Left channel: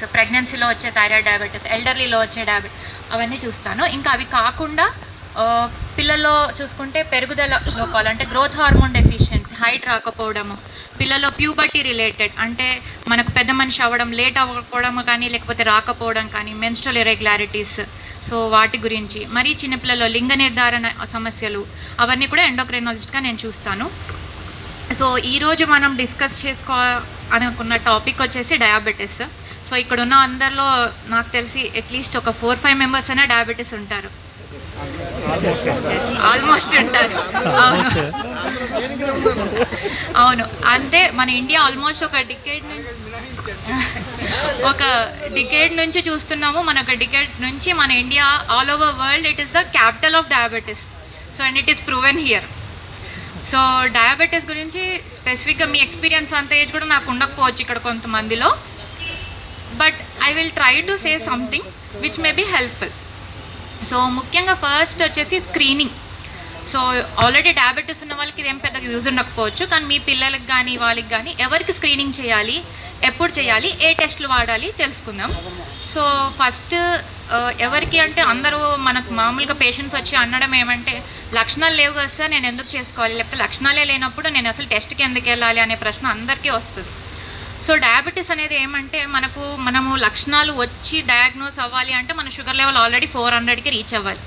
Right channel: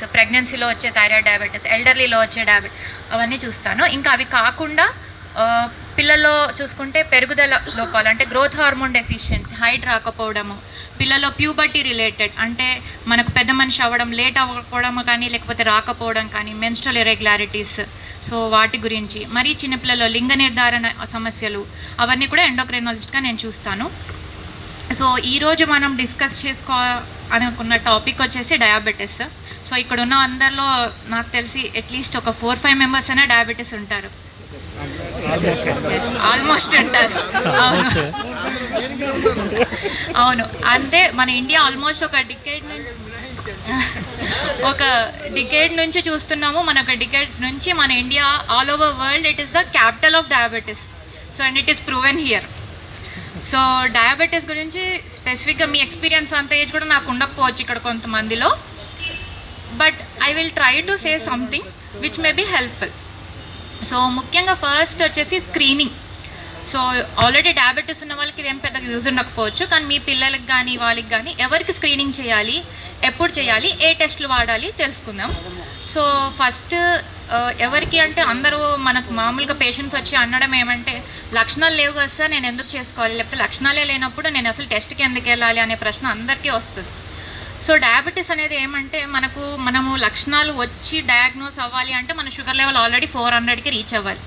Diabetes, ప్రెగ్నెన్సీలో వచ్చే thyroid diabetes, ఎల్డర్లీలో వచ్చే అవన్నీ చూస్తాను. ఇంకా అవి కాకుండా పిల్లల్లో చూసుకుంటే పెరుగుదల లోపాలు, అంటే గ్రోత్ హార్మోన్ డెఫిషియన్సీ, హైట్ రాకపోవడము, పిల్లల్లో ప్యూబర్టీ రిలేటెడ్, అంటే మనకు పెద్ద మనిషి అవ్వడం లేట్ అవ్వకపోవడం కానీ లేకపోతే రాకపోవడం కానీ, మెన్స్ట్రల్ ఇర్రెగ్యులారిటీస్, సో వాటి గురించి, మరి చిన్నపిల్లల్లో లింగ నిర్ధారణ సమస్యలు, అవన్నీ కూడా ఎండోక్రైనాలజిస్ట్గా నేను చూస్తాను. సో ఈరోజు మనం డిస్కస్ అనుకున్న టాపిక్ వచ్చేసి డయాబెటీస్. సో ఇక్కడ ఉన్న అందరిలో నాకు తెలిసి అట్లీస్ట్ ఒక 4-5 మెంబర్స్ అయినా డయాబెటీస్ ఉంటారు, ఆల్మోస్ట్ ఉంటారు. అవును, అంటే మన ఇండియా ఆల్మోస్ట్ ఒక డికేడ్ నుంచి చూస్తున్నాము. మన ఒక డికేడ్ నుంచి మన India all over world it is the capital of diabetes. So and it is proven here. So diabetes గురించి స్పెసిఫిక్గా మీ ఎక్స్పీరియన్స్ అంత ఏజ్ కూడా నాకు ఉండకపోవచ్చు ఇక్కడ కొంతమందిలో, but I will try to say something which may be helpful. So ముఖ్యంగా first వచ్చేసి స్క్రీనింగ్. సో ఆల్రెడీ డయాబెటీస్ ఉన్న వాళ్ళకి ఇదేం పెద్దగా యూజ్ ఉండకపోవచ్చు, కానీ మీ పిల్లలకి కానీ వాళ్ళకి కానీ ఎవరికి స్క్రీనింగ్ చేయాలి, ఎప్పుడు చేయాలి, ఏ టెస్టులు వాడాలి తెలుసుకుందాం. సో ఫస్ట్ ఎవరికి అంటే అందరూ మనకు మామూలుగా పేషెంట్స్ వచ్చి అనడం ఏమంటే, లక్షణాలు లేవు కదా సార్ నేను ఎందుకు చేసుకోవాలి, లేకపోతే లక్షణాలే లేనప్పుడు నేను అసలు టెస్ట్కి ఎందుకు వెళ్ళాలి అనే ప్రశ్న అందరికీ వస్తుంది. సో డయాబెటీస్ అనేది ఏమంటే మనము లక్షణాలు వచ్చి డయాగ్నోస్ అవ్వాలి అంటే మన షుగర్ లెవెల్ ఆల్రెడీ 400కి రీచ్ అవ్వాలి.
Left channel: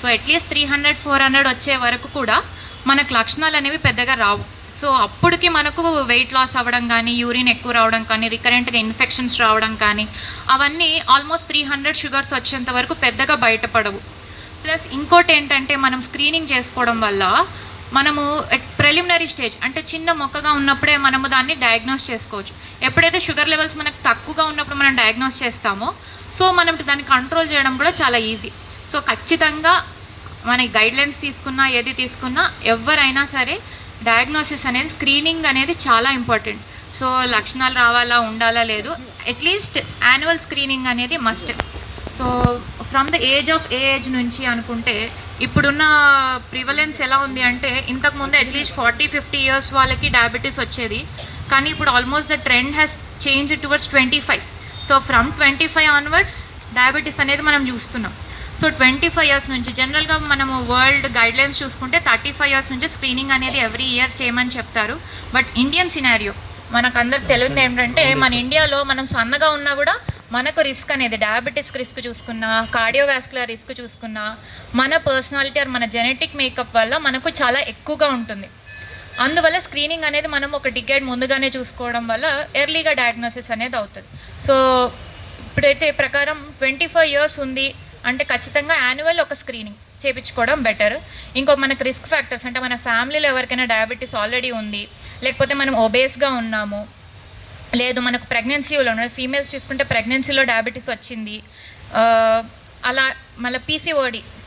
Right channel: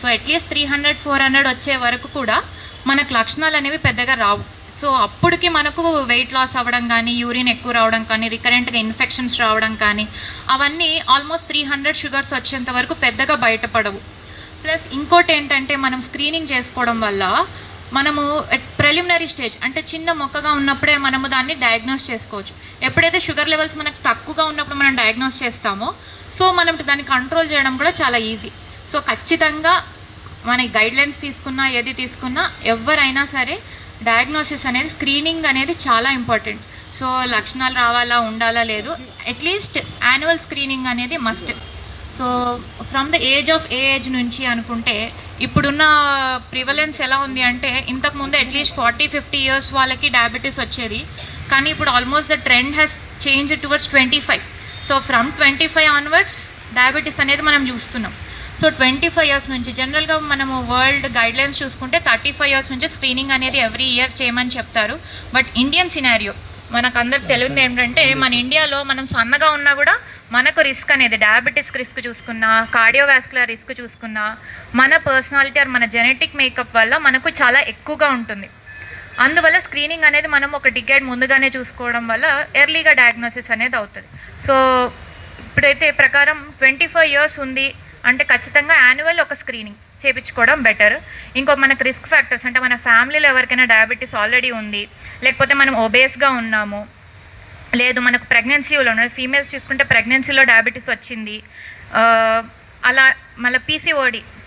సో అట్లీస్ట్ 300-400 వచ్చే వరకు కూడా మనకు లక్షణాలు అనేవి పెద్దగా రావు. సో అప్పటికి మనకు వెయిట్ లాస్ అవ్వడం కానీ, యూరిన్ ఎక్కువ రావడం కానీ, రికరెంట్గా ఇన్ఫెక్షన్స్ రావడం కానీ, అవన్నీ ఆల్మోస్ట్ 300 షుగర్స్ వచ్చేంత వరకు పెద్దగా బయటపడవు. ప్లస్ ఇంకోటి ఏంటంటే మనం స్క్రీనింగ్ చేసుకోవడం వల్ల మనము ప్రిలిమినరీ స్టేజ్ అంటే చిన్న మొక్కగా ఉన్నప్పుడే మనము దాన్ని డయాగ్నోస్ చేసుకోవచ్చు. ఎప్పుడైతే షుగర్ లెవెల్స్ మనకు తక్కువగా ఉన్నప్పుడు మనం డయాగ్నోస్ చేస్తామో సో మనం దాన్ని కంట్రోల్ చేయడం కూడా చాలా ఈజీ. సో ఖచ్చితంగా మన గైడ్లైన్స్ తీసుకున్నా ఏది తీసుకున్నా ఎవరైనా సరే డయాగ్నోసిస్ అనేది, స్క్రీనింగ్ అనేది చాలా ఇంపార్టెంట్. సో లక్షణాలు రావాలా ఉండాలా లేదు, అట్లీస్ట్ యాన్యువల్ స్క్రీనింగ్ అనేది must. So from the age నుంచి అనుకుంటే ఇప్పుడున్న ప్రివలెన్స్ ఎలా ఉంది అంటే, ఇంతకుముందు అట్లీస్ట్ 40-50 ఇయర్స్ వాళ్ళకి డయాబెటీస్ వచ్చేది, కానీ ఇప్పుడు almost the trend has change towards 25. So from 25 onwards diabetes అనేది మనం చూస్తున్నాం. సో 25 ఇయర్స్ నుంచి జనరల్గా మనము వరల్డ్ గైడ్లైన్స్ చూసుకుంటే 35 ఇయర్స్ నుంచి స్క్రీనింగ్ అనేది ఎవ్రీ ఇయర్ చేయమని చెప్తారు. బట్ ఇండియన్ సినారియో మనకందరు తెలియదు ఏంటంటే, మన ఇండియాలో మనం సన్నగా ఉన్నా కూడా మనకు రిస్క్ అనేది డయాబెటీస్ రిస్క్ చూసుకున్నా, కార్డియోవాస్కులర్ రిస్క్ చూసుకున్నా, మన పర్సనాలిటీ మన జెనెటిక్ మేకప్ వల్ల మనకు చాలా ఎక్కువగా ఉంటుంది. అందువల్ల స్క్రీనింగ్ అనేది మనం ఒక డికేడ్ ముందుగానే చూసుకోవడం వల్ల ఎర్లీగా డయాగ్నోసిస్ అనేది అవుతుంది. సో ఇప్పుడైతే ప్రకారం 25 ఇయర్స్ ఉంది అంటే ఖచ్చితంగా యాన్యువల్ ఒక స్క్రీనింగ్ చేయించుకోవడం బెటర్. ఇంకో మనకు రిస్క్ ఫ్యాక్టర్స్ అంటే మన ఫ్యామిలీలో ఎవరికైనా డయాబెటీస్ ఆల్రెడీ ఉంది, లేకపోతే మనం ఒబేస్గా ఉన్నాము, లేదు మనకు ప్రెగ్నెన్సీలో ఉన్న ఫీమేల్స్ చూసుకుంటే ప్రెగ్నెన్సీలో డయాబెటీస్ వచ్చింది, అలా మళ్ళీ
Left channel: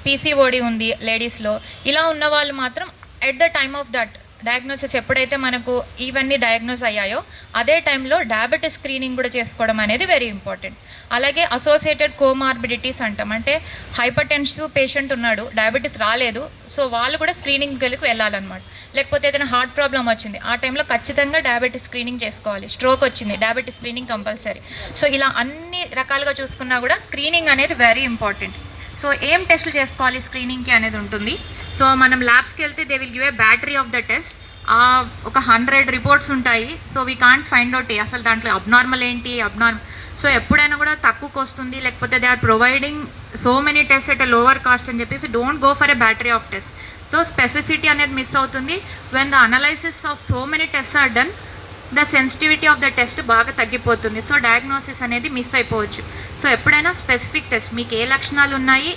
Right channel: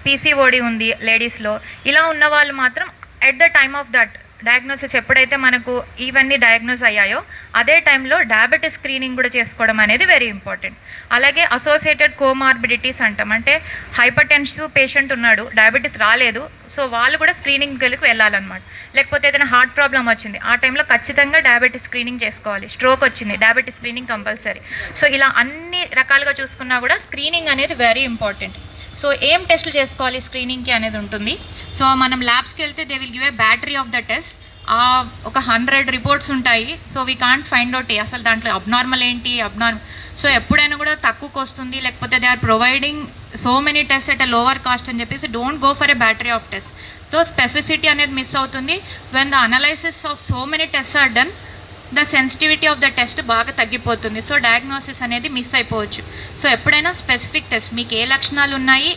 పీసీఓడి ఉంది లేడీస్లో, ఇలా ఉన్న వాళ్ళు మాత్రం at the time of that diagnosis ఎప్పుడైతే మనకు ఇవన్నీ డయాగ్నోస్ అయ్యాయో అదే టైంలో డయాబెటీస్ స్క్రీనింగ్ కూడా చేసుకోవడం అనేది వెరీ ఇంపార్టెంట్. అలాగే అసోసియేటెడ్ కోమార్బిడిటీస్ అంటాం, అంటే హైపర్ టెన్సివ్ పేషెంట్ ఉన్నాడు, డయాబెటీస్ రాలేదు, సో వాళ్ళు కూడా స్క్రీనింగ్కి వెళ్ళాలన్నమాట. లేకపోతే ఏదైనా హార్ట్ ప్రాబ్లం వచ్చింది ఆ టైంలో ఖచ్చితంగా డయాబెటీస్ స్క్రీనింగ్ చేసుకోవాలి. స్ట్రోక్ వచ్చింది, డయాబెటీస్ స్క్రీనింగ్ కంపల్సరీ. సో ఇలా అన్ని రకాలుగా చూసుకున్నా కూడా స్క్రీనింగ్ అనేది వెరీ ఇంపార్టెంట్. సో ఏం టెస్టులు చేసుకోవాలి స్క్రీనింగ్కి అనేది ఉంటుంది. సో మనం ల్యాబ్స్కి వెళ్తే they will give A battery of the test, ఒక 100 రిపోర్ట్స్ ఉంటాయి. So we can't find out అసలు దాంట్లో అబ్నార్మల్ ఏంటి సో ఎప్పుడైనా కూడా తక్కువకి వస్తుంది, లేకపోతే they are providing so many test at a lower cost అని చెప్పేసి don't go for a battery of test. So specificity అనేది మిస్ అవుతుంది. When the analysis of so many test are done, the sensitivity of the test బాగా తగ్గిపోతుంది. So diagnosis అనేది miss అయిపోవచ్చు. So ఎప్పుడైనా specific test మీకు ఏ లక్షణాలు ఉన్నాయి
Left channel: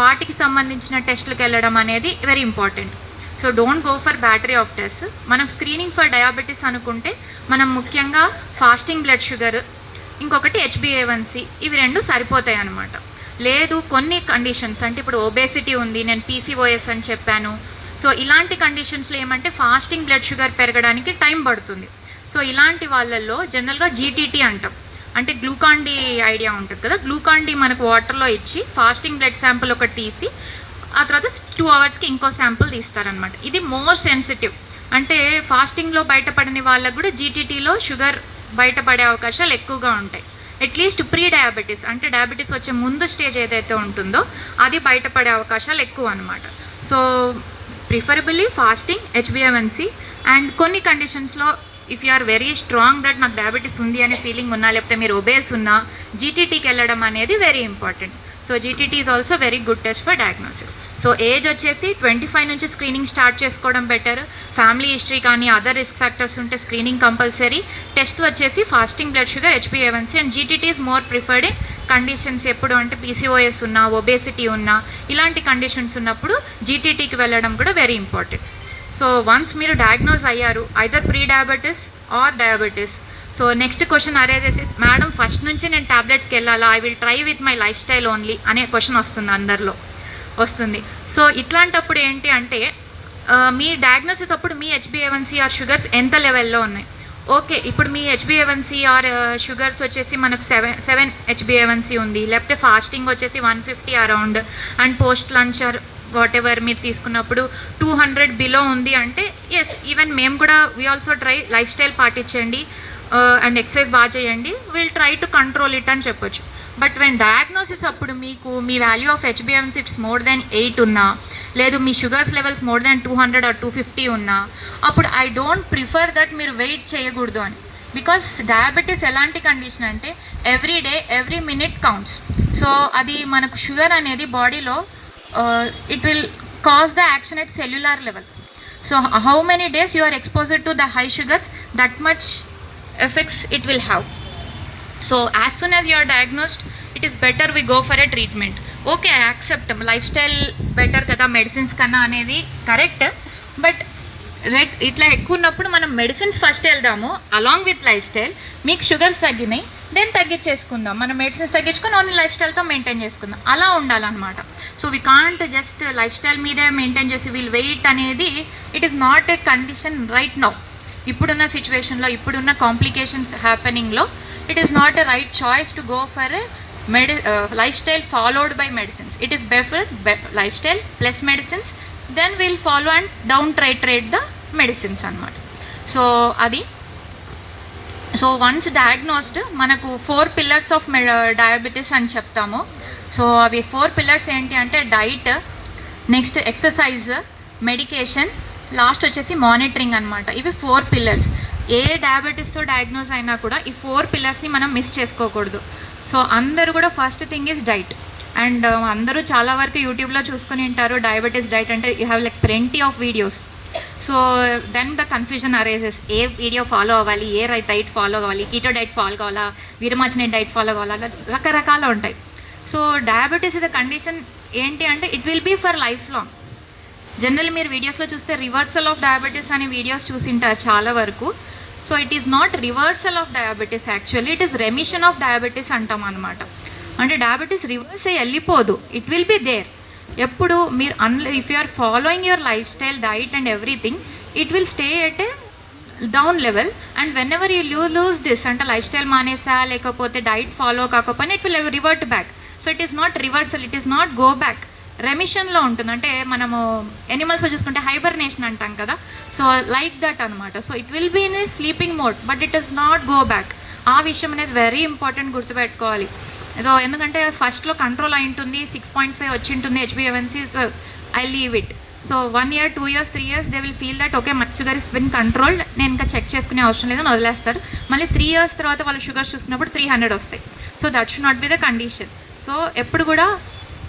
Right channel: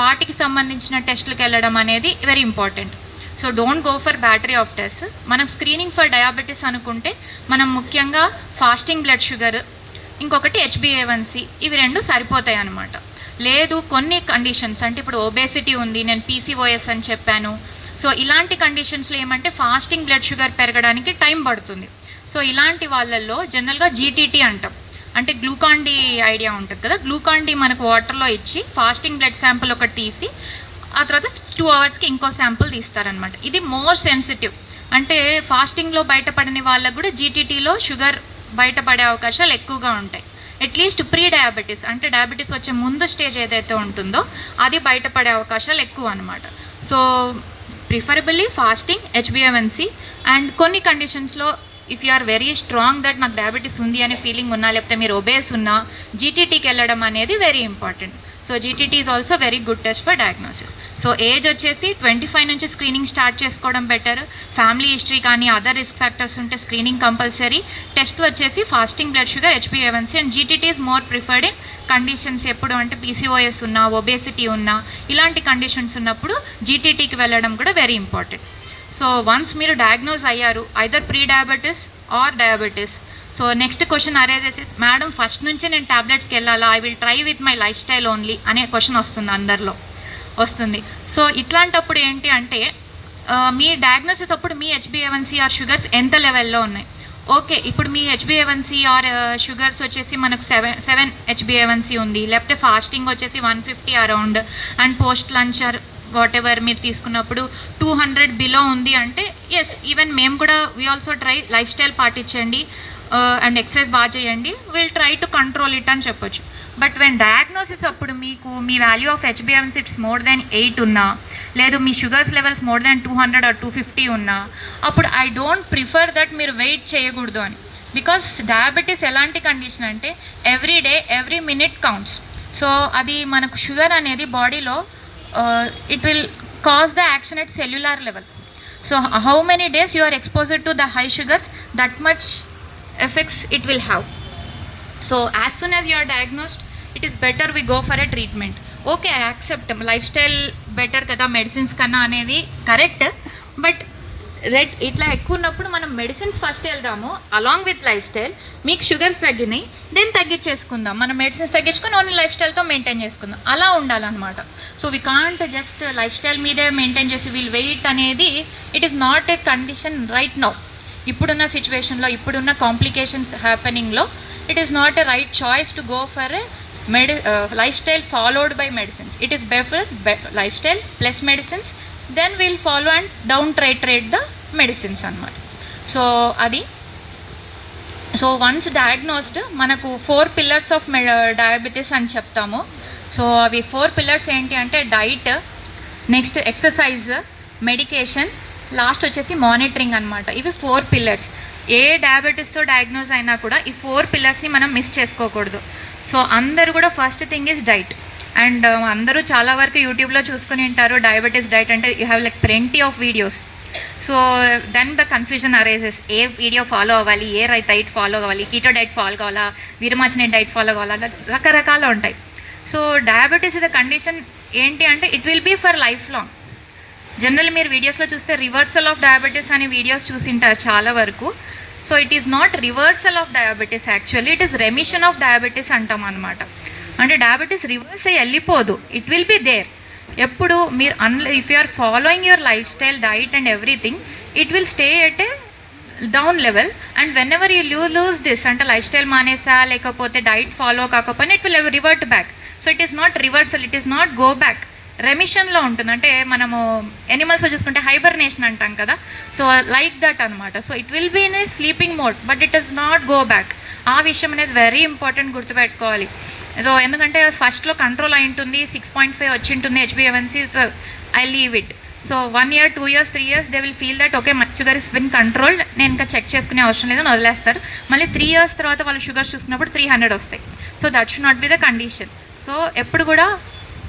వాటికి సంబంధించిన టెస్టులకు వెళ్ళడం అనేది very important. So don't go for battery of test. మనం స్క్రీనింగ్ ఫర్ డయాబెటీస్ అనుకుంటే మనం ముఖ్యంగా ఫాస్టింగ్ బ్లడ్ షుగర్, ఇంకొకటి HbA1c, ఇవి 2 సరిపోతాయి అన్నమాట. లేదు కొన్ని కండిషన్స్ అంటే ఇప్పుడు ఒబేసిటీ ఉంది, నేను PCOS అని చెప్పాను. సో ఇలాంటి కండిషన్స్లో ఏమంటే ఫాస్టింగ్ బ్లడ్ షుగర్ పెరగడానికి టైం పడుతుంది. సో ఇలాంటి వాళ్ళల్లో జనరల్గా GTT అంటాం, అంటే గ్లూకాన్-డి ఐడియా ఉంటుంది కదా, గ్లూకాన్-డి మనకు వాటర్లో ఇచ్చి ఫాస్టింగ్ బ్లడ్ శాంపుల్ ఒకటి తీసి ఆ తర్వాత 2 అవర్స్కి ఇంకో శాంపుల్ తీస్తారనమాట. ఇది మోస్ట్ సెన్సిటివ్, అంటే ఫాస్టింగ్లో బయటపడని వాళ్ళకు కూడా GTTలో షుగర్ బయటపడే అవకాశాలు ఎక్కువగా ఉంటాయి. అట్లీస్ట్ ప్రీ డయాబెటీస్ అంటే డయాబెటీస్ వచ్చే ముందు స్టేజ్ ఏదైతే ఉంటుందో అది బయటపడే అవకాశాలు ఎక్కువ అనమాట. సో ప్రిఫరబుల్లీ ఫాస్టింగ్, హెచ్బిఏవన్సీ, అండ్ కొన్ని కండిషన్స్లో if you are very strong that నాకు డయాబెటీస్ ఉంది అనే ఫీలింగ్ ఉన్నా, లేకపోతే మీరు ఒబేస్ ఉన్నా, జీటీటీకి వెళ్ళడం అనేది very important. So GTT is also very good test for diagnosis. So age వచ్చేసి 25 నుంచి స్క్రీనింగ్ స్టార్ట్ చేసుకోవడం బెటర్. ఫ్యామిలీ హిస్టరీ కానీ అదర్ రిస్క్ ఫ్యాక్టర్స్ ఉంటే స్క్రీనింగ్ కంపల్సరీ. టెస్ట్ వచ్చేసి ఫాస్టింగ్ బ్లడ్ షుగర్, హెచ్బిఏవన్సీ, and GTT is more preferred in conditions ఎప్పుడు అంటే PCOS ఉన్నా, ఒబేసిటీ ఉన్నా, ఇలాంటి కండిషన్స్ ఉన్నప్పుడు జీటీటీకి వెళ్ళడం కూడా వెరీ ఇంపార్టెంట్. సో వన్స్ మీరు డయాగ్నోజ్ అయ్యారు either pre diabetes or diabetes, so next question arises, madam first నుంచి నేను ట్యాబ్లెట్స్కి వెళ్ళాలా, I will try with my lifestyle only అనే క్వశ్చన్ వస్తుంది, అందరిలో వస్తుంది. సో ఇట్లాంటప్పుడు ఏంటి అంటే మీ డయాగ్నోసిస్ అప్పుడు మీ హెచ్బిఏవన్సీ ఆర్ షుగర్స్ ఎంత లెవెల్లో ఉన్నాయి. ఓకే, ఇప్పుడు మీ హెచ్బిఏవన్సీ ఆర్ షుగర్స్ వచ్చేసి మనకు 7 హెచ్బిఏవన్సీ ఉంది, లేకపోతే ఫాస్టింగ్ వచ్చేసి 150 around, and post lunch or what ever మీరు తీసుకున్నప్పుడు 200 బిలో ఉంది అంటే ఎస్, ఈవెన్ మేము కూడా we also try lifestyle పాటించండి అండ్ ఎక్సర్సైజ్ బాగా చేయండి, will try to control it అని చెప్పొచ్చు. బట్ వెన్ డయాగ్నోసిస్ అప్పుడు మీకు మీ వాల్యూ ఆఫ్ హెచ్బిఎవన్సీ ఇట్స్ మోర్ దాన్ 8 ఉన్నా, లేదు మీ sugars levels more than 200 or 250 ఉన్నా, అప్పుడు ఐ డోంట్ ప్రిఫర్ దట్ మీరు వెయిట్ చేయకూడదు అని. బికాస్ డయాబెటీస్ ఎలాంటి కండిషన్ అంటే every day every minute counts. So అది మనకు షుగర్ అనేది బాడీలో it will cause the action at cellular level. So how many days you are exposed to the high sugars, that much effects it will have. So as soon as you are diagnosed, it is better we go for a treatment. Okay, I accept lifestyle better kada medicines కన్నా అనేది correct. But ఇట్లా ఎక్కువ ఉన్నప్పుడు మనం medicines first వెళ్దాము along with life style. మీకు sugars తగ్గినాయి, then తగ్గించేసుకుందాం, మనం మెడిసిన్స్ తగ్గించుకొని ఓన్లీ లైఫ్ స్టైల్తో మెయింటైన్ చేసుకుందాం, అలా ఉండాలన్నమాట. So we can't just lifestyle మీదే మెయింటైన్ చేసి వీల్ వెయిట్ అనేది it is not a condition right now. ఇప్పుడున్న సిచ్యువేషన్లో, ఇప్పుడున్న కాంప్లికేషన్స్ హ్యాపెనింగ్లో it is not a right choice to go for a lifestyle followed by medicines. It is better lifestyle plus medicines, then will follow and down titrate the medicines అన్నమాట. So అది. So once diagnosed మనకు 4 pillars of diabetes అని చెప్తాము. So అవి 4 pillars ఏంటి అంటే diet, next exercise, medication, last వచ్చేసి monitoring అనమాట. ఇవి 4 పిల్లర్స్. ఏ డయాబెటీస్తో డయాగ్నోజ్ అయినా కూడా ఈ 4 పిల్లర్స్ని మనం మిస్ చేసుకోకూడదు. సో అందరూ కూడా first thing is diet. And అందరూ చాలా వరకు యూట్యూబ్లో చూసుకుని ఉంటారు డయాబెటీస్ డైట్ అంటే you have like plenty of videos. So then the confusion arises, ఏ వీడియో ఫాలో అవ్వాలి, ఏ డైట్ ఫాలో అవ్వాలి, కీటో డైట్ ఫాలో కావాలా, వీరమాచిన డైట్ ఫాలో కావాలా, రకరకాలు ఉంటాయి. So diabetes is the condition ఏంటి అంటే it will be for life long. General మీరు వీడియోస్లో చూస్తే రివర్సల్ ఆఫ్ డయాబెటీస్ అనే వీడియోస్ చూసింటారు చాలా వరకు. So it is not reversal of diabetes, actually it is remission of diabetes అంటాం అనమాట. అంటే డయాబెటీస్ రివర్స్ అయ్యి వెళ్ళిపోదు, ఇట్ విల్ బి దేర్. ఎప్పుడు మీరు if you are following your life style, diet and everything, it will stay at a down level. And whenever you lose this అంటే life style మానేసా లేకపోతే diet follow కాకపోయినా it will revert back. So it is not reversal, it is not go back, రెమిషన్లో ఉంటుంది. అంటే మనము ఎనిమల్స్లో చూసుకుంటే హైబర్నేషన్ అంటాం కదా, సో లైక్ దట్ అనమాట. So it will be in a sleeping mode but it is not go back. ఆ విషయం అనేది వెరీ ఇంపార్టెంట్, గుర్తుపెట్టుకోవాలి. సో ఎందుకంటే ఫస్ట్లో కంట్రోల్ అయి ఉంటుంది, 6.5 వచ్చి ఉంటుంది హెచ్బిఏవన్సీ, so I leave it. So 1 year 2 years 3 years they will feel that okay my sugar is been controlled, నేను ఇంకా చెక్ చేసుకునే అవసరం లేదని వదిలేస్తారు. మళ్ళీ 3 years తర్వాత వాళ్ళు షుగర్స్ చూసుకున్నప్పుడు 300 వస్తాయి. So that should not be the condition. So ఎప్పుడు కూడా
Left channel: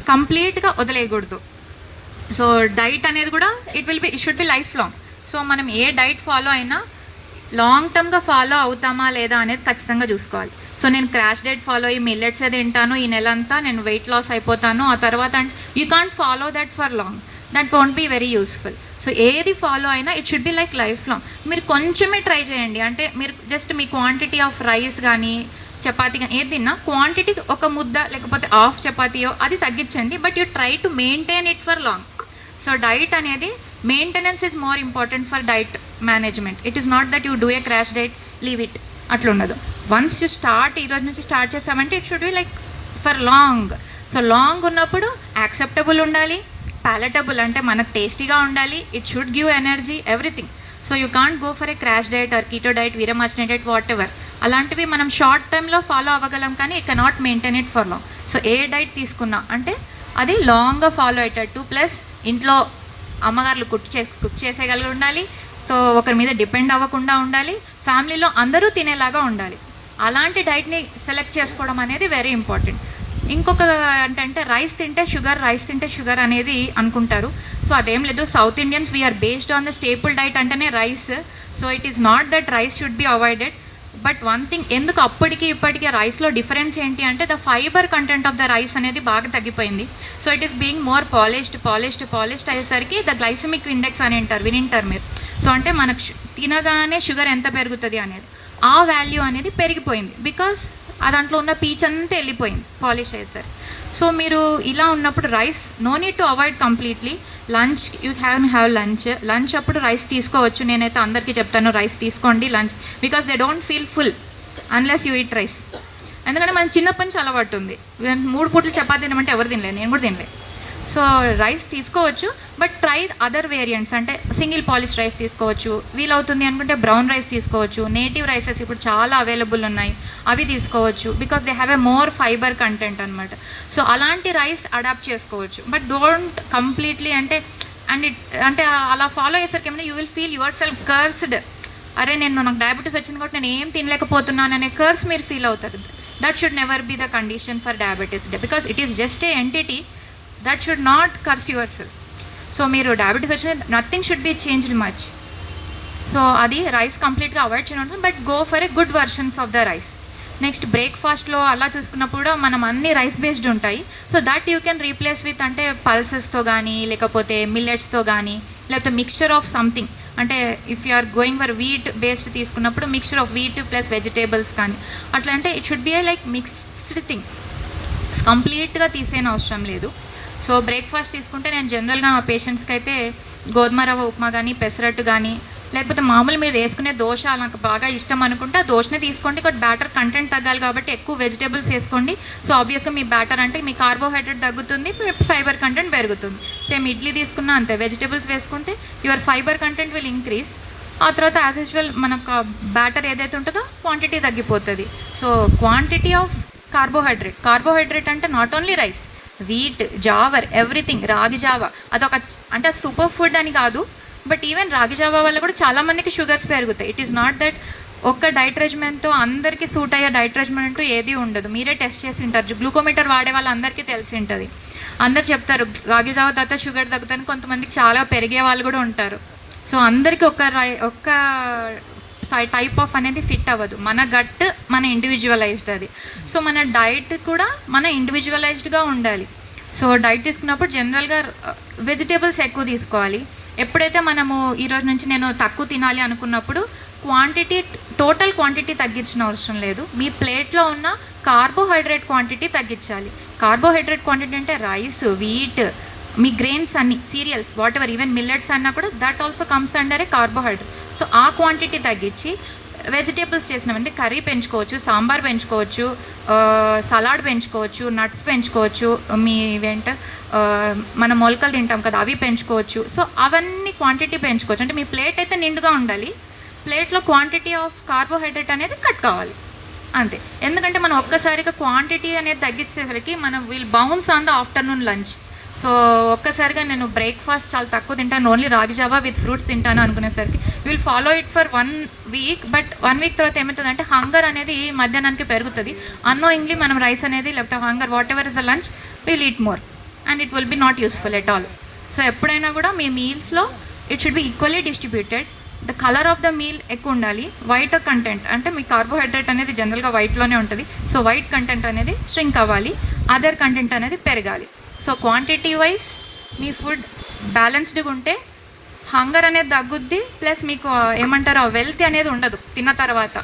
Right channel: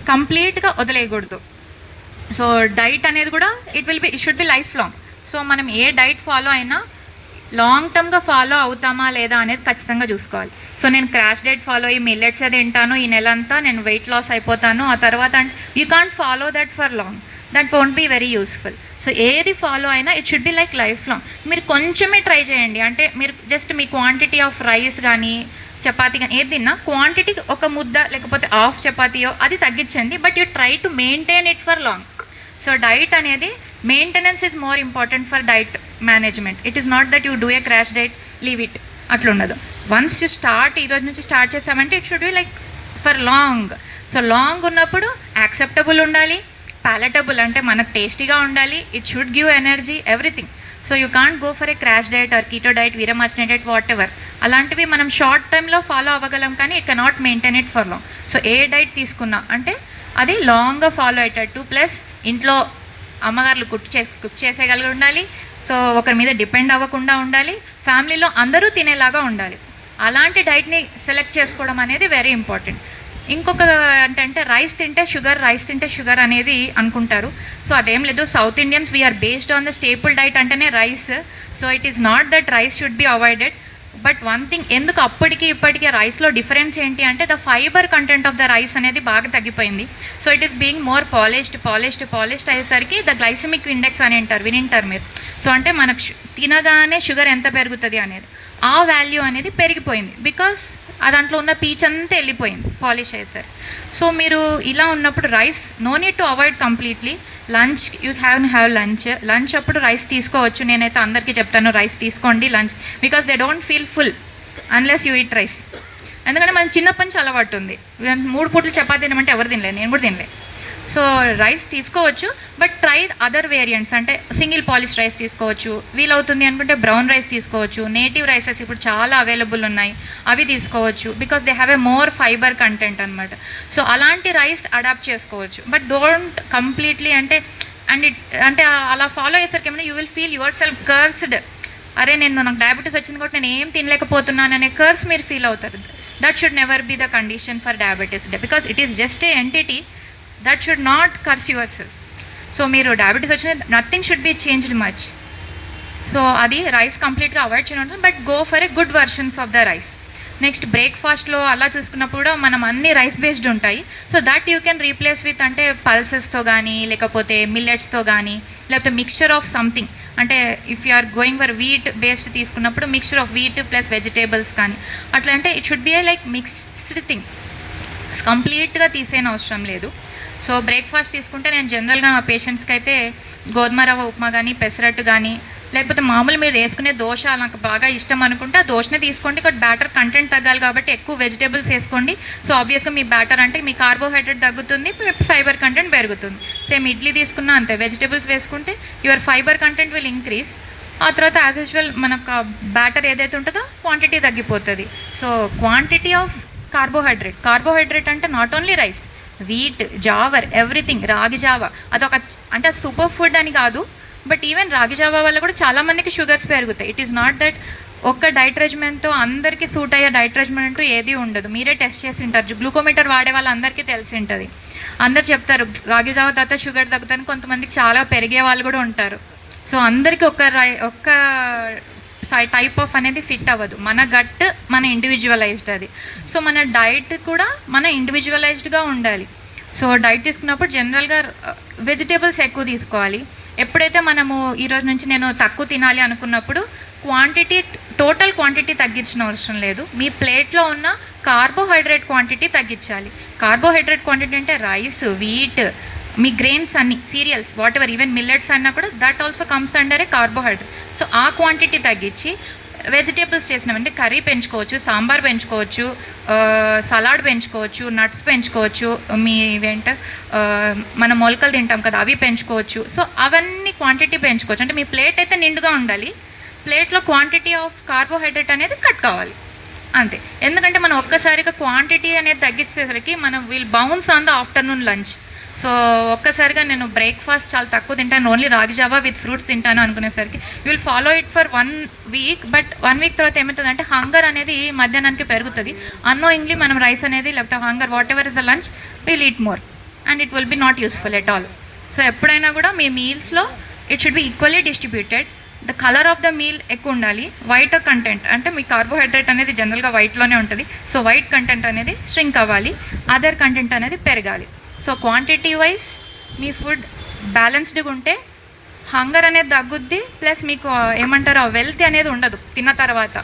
కంప్లీట్గా వదిలేయకూడదు. సో డైట్ అనేది కూడా it should be life long. So మనం ఏ డైట్ ఫాలో అయినా లాంగ్ టర్మ్గా ఫాలో అవుతామా లేదా అనేది ఖచ్చితంగా చూసుకోవాలి. సో నేను క్రాష్ డైట్ ఫాలో అయ్యి మిల్లెట్స్ తింటాను, ఈ నెలంతా నేను వెయిట్ లాస్ అయిపోతాను, ఆ తర్వాత you can't follow that for long, that won't be very useful. So ఏది ఫాలో అయినా it should be like life long. మీరు కొంచెమే ట్రై చేయండి, అంటే మీరు just me quantity of rice కానీ చపాతీ కానీ ఏది తిన్నా క్వాంటిటీ ఒక ముద్ద లేకపోతే హాఫ్ చపాతీయో అది తగ్గించండి, but you try to maintain it for long. So diet అనేది maintenance is more important for diet management. It is not that you do a crash diet leave it, అట్లా ఉండదు. వన్స్ యూ స్టార్ట్, ఈరోజు నుంచి start చేసామంటే it should be like for long. So long ఉన్నప్పుడు acceptable ఉండాలి, palatable అంటే మనకు టేస్టీగా ఉండాలి, it should give energy, everything. So you can't go for a crash diet or keto diet, Veeramachaneni diet, whatever, అలాంటివి మనం షార్ట్ టైంలో ఫాలో అవ్వగలం, కానీ it cannot maintain it for long. So a diet తీసుకున్నా అంటే అది లాంగ్గా ఫాలో అయ్యేటట్టు, plus ఇంట్లో అమ్మగారులు కుక్ చేసేయగలిగి ఉండాలి. సో ఒకరి మీద డిపెండ్ అవ్వకుండా ఉండాలి, ఫ్యామిలీలో అందరూ తినేలాగా ఉండాలి. అలాంటి డైట్ని సెలెక్ట్ చేసుకోవడం అనేది వెరీ ఇంపార్టెంట్. ఇంకొక అంటే రైస్ తింటే షుగర్ అనేది అనుకుంటారు. సో అదేం లేదు. South Indians we are based on the staple diet అంటేనే rice. So it is not that rice should be avoided. But one thing, ఎందుకు అప్పటికి ఇప్పటికీ రైస్లో డిఫరెన్స్ ఏంటి అంటే the fibre content of the rice అనేది బాగా తగ్గిపోయింది. So it is being more polished అయ్యేసరికి ద గ్లైసమిక్ ఇండెక్స్ అని వినింటారు మీరు. సో అంటే మనకు తినగానే షుగర్ ఎంత పెరుగుతుంది అనేది, ఆ వాల్యూ అనేది పెరిగిపోయింది. బికాస్ ఆ దాంట్లో ఉన్న పీచ్ అంతా వెళ్ళిపోయింది పాలిష్ అయ్యేసరికి. సో మీరు ఇలా ఉన్నప్పుడు rice no need to avoid completely. Lunch you have lunch అప్పుడు రైస్ తీసుకోవచ్చు. నేనైతే అందరికీ చెప్తాను రైస్ తీసుకోండి lunch, because they don't feel full unless you eat rice. ఎందుకంటే మన చిన్నప్పటి నుంచి అలవాటు ఉంది, 3 పూటలు చపాతీ తినమంటే ఎవరు తినలేదు, నేను కూడా తినలేదు. సో రైస్ తీసుకోవచ్చు, బట్ ట్రై అదర్ వేరియంట్స్. అంటే సింగిల్ పాలిష్ రైస్ తీసుకోవచ్చు, వీలవుతుంది అనుకుంటే బ్రౌన్ రైస్ తీసుకోవచ్చు. నేటివ్ రైసెస్ ఇప్పుడు చాలా అవైలబుల్ ఉన్నాయి, అవి తీసుకోవచ్చు. Because they have a more fibre content అనమాట. సో అలాంటి రైస్ అడాప్ట్ చేసుకోవచ్చు. బట్ డోంట్ కంప్లీట్లీ అంటే అలా ఫాలో అయ్యేసరికి ఏమైనా you will feel your self cursed. అరే నాకు డయాబెటీస్ వచ్చింది కాబట్టి నేను ఏం తినలేకపోతున్నాను అనే కర్స్ మీరు ఫీల్ అవుతారు. That should never be the condition for diabetes, because it is just a entity. That should not curse yourself. So మీరు డయాబెటీస్ వచ్చిన nothing should be changed much. So అది రైస్ కంప్లీట్గా avoid చేయడం, but go for a good versions of the rice. Next బ్రేక్ఫాస్ట్లో అలా చూసుకున్నప్పుడు మనం అన్ని రైస్ బేస్డ్ ఉంటాయి. So that you can replace with అంటే పల్సెస్తో కానీ, లేకపోతే మిల్లెట్స్తో కానీ, లేకపోతే మిక్స్చర్ ఆఫ్ సంథింగ్. అంటే if you are going for wheat based తీసుకున్నప్పుడు mixture of wheat plus vegetables కానీ అట్లా. అంటే it should be a like mixed thing, కంప్లీట్గా తీసేయని అవసరం లేదు. సో బ్రేక్ఫాస్ట్ తీసుకుంటే నేను జనరల్గా మా పేషెంట్స్కి అయితే గోధుమ రవ్వ ఉప్మా కానీ, పెసరట్టు కానీ, లేకపోతే మామూలు మీరు వేసుకునే దోశ నాకు బాగా ఇష్టం అనుకుంటే ఆ దోశనే తీసుకోండి. ఇక్కడ బ్యాటర్ కంటెంట్ తగ్గాలి కాబట్టి ఎక్కువ వెజిటేబుల్స్ వేసుకోండి. సో ఆబ్వియస్గా మీ బ్యాటర్ అంటే మీ కార్బోహైడ్రేట్ తగ్గుతుంది, ఫైబర్ కంటెంట్ పెరుగుతుంది. సేమ్ ఇడ్లీ తీసుకున్నా అంతే, వెజిటేబుల్స్ వేసుకుంటే your fibre content will increase. ఆ తర్వాత యాజ్ యూజువల్ మనకు బ్యాటర్ ఏదైతే ఉంటుందో క్వాంటిటీ తగ్గిపోతుంది. సో క్వాంటిటీ ఆఫ్ కార్బోహైడ్రేట్ అంటే not only rice, wheat, Jewar, everything. రాగి జావా అదొక అంటే సూపర్ ఫుడ్ అని కాదు, బట్ ఈవెన్ రాగి జావా వల్ల కూడా చాలామందికి షుగర్స్ పెరుగుతాయి. ఇట్ ఈస్ నాట్ దట్ ఒక్క డైట్ రెజిమెంట్తో అందరికీ సూట్ అయ్యే డైట్ రెజిమెంట్ అంటూ ఏది ఉండదు. మీరే టెస్ట్ చేసి ఉంటారు, గ్లూకోమీటర్ వాడే వాళ్ళందరికీ తెలిసి ఉంటుంది. అందరు చెప్తారు రాగి జావా తర్వాత షుగర్ తగ్గుతుంది, కొంతమందికి చాలా పెరిగే వాళ్ళు కూడా ఉంటారు. సో అందరికీ ఒక్క టైప్ ఆఫ్ అనేది ఫిట్ అవ్వదు. మన గట్ మన ఇండివిజువలైజ్డ్ అది. సో మన డైట్ కూడా మన ఇండివిజువలైజ్డ్గా ఉండాలి. సో డైట్ తీసుకున్నప్పుడు జనరల్గా వెజిటేబుల్స్ ఎక్కువ తీసుకోవాలి. ఎప్పుడైతే మనము ఈరోజు నుంచి నేను తక్కువ తినాలి అనుకున్నప్పుడు టోటల్ క్వాంటిటీ తగ్గించిన అవసరం లేదు, మీ ప్లేట్లో ఉన్న కార్బోహైడ్రేట్ క్వాంటిటీ తగ్గించాలి. కార్బోహైడ్రేట్ క్వాంటిటీ అంటే రైస్, వీట్, మీ గ్రెయిన్స్ అన్ని, serials, what ever, even millets అన్నా కూడా that also comes under A carbohydrate. So ఆ క్వాంటిటీ తగ్గించి వెజిటేబుల్స్ చేసినామంటే కర్రీ పెంచుకోవచ్చు, సాంబార్ పెంచుకోవచ్చు, సలాడ్ పెంచుకోవచ్చు, నట్స్ పెంచుకోవచ్చు, మీ ఇవేంట మన మొలకలు తింటాం కదా అవి పెంచుకోవచ్చు. సో అవన్నీ క్వాంటిటీ పెంచుకోవచ్చు. అంటే మీ ప్లేట్ అయితే నిండుగా ఉండాలి, ప్లేట్లో క్వాంటిటీ ఆఫ్ కార్బోహైడ్రేట్ అనేది కట్ కావాలి అంతే. ఎందుకంటే మనం ఒక్కసారిగా క్వాంటిటీ అనేది తగ్గించేసరికి మనం will bounce on the afternoon lunch. So ఒక్కసారిగా నేను బ్రేక్ఫాస్ట్ చాలా తక్కువ తింటాను, ఓన్లీ రాగి జావా విత్ ఫ్రూట్స్ తింటాను అనుకునేసరికి you will follow it for 1 week. But 1 week తర్వాత ఏమవుతుందంటే హంగర్ అనేది మధ్యాహ్నానికి పెరుగుతుంది. అన్నోయింగ్లీ మనం రైస్ అనేది లేకపోతే hunger whatever is the lunch will eat more and it will be not useful at all. So ఎప్పుడైనా కూడా మీ మీల్స్లో it should be equally distributed. The colour of the meal ఎక్కువ ఉండాలి. వైట్ కంటెంట్ అంటే మీ carbohydrate అనేది జనరల్గా వైట్లోనే ఉంటుంది. సో వైట్ కంటెంట్ అనేది స్ట్రింక్ అవ్వాలి, అదర్ కంటెంట్ అనేది పెరగాలి. సో క్వాంటిటీ వైజ్ మీ ఫుడ్ బ్యాలెన్స్డ్గా ఉంటే హంగర్ అనేది తగ్గుద్ది, ప్లస్ మీకు ఏమంటారు ఆ వెల్త్ అనేది ఉండదు. తిన్న తర్వాత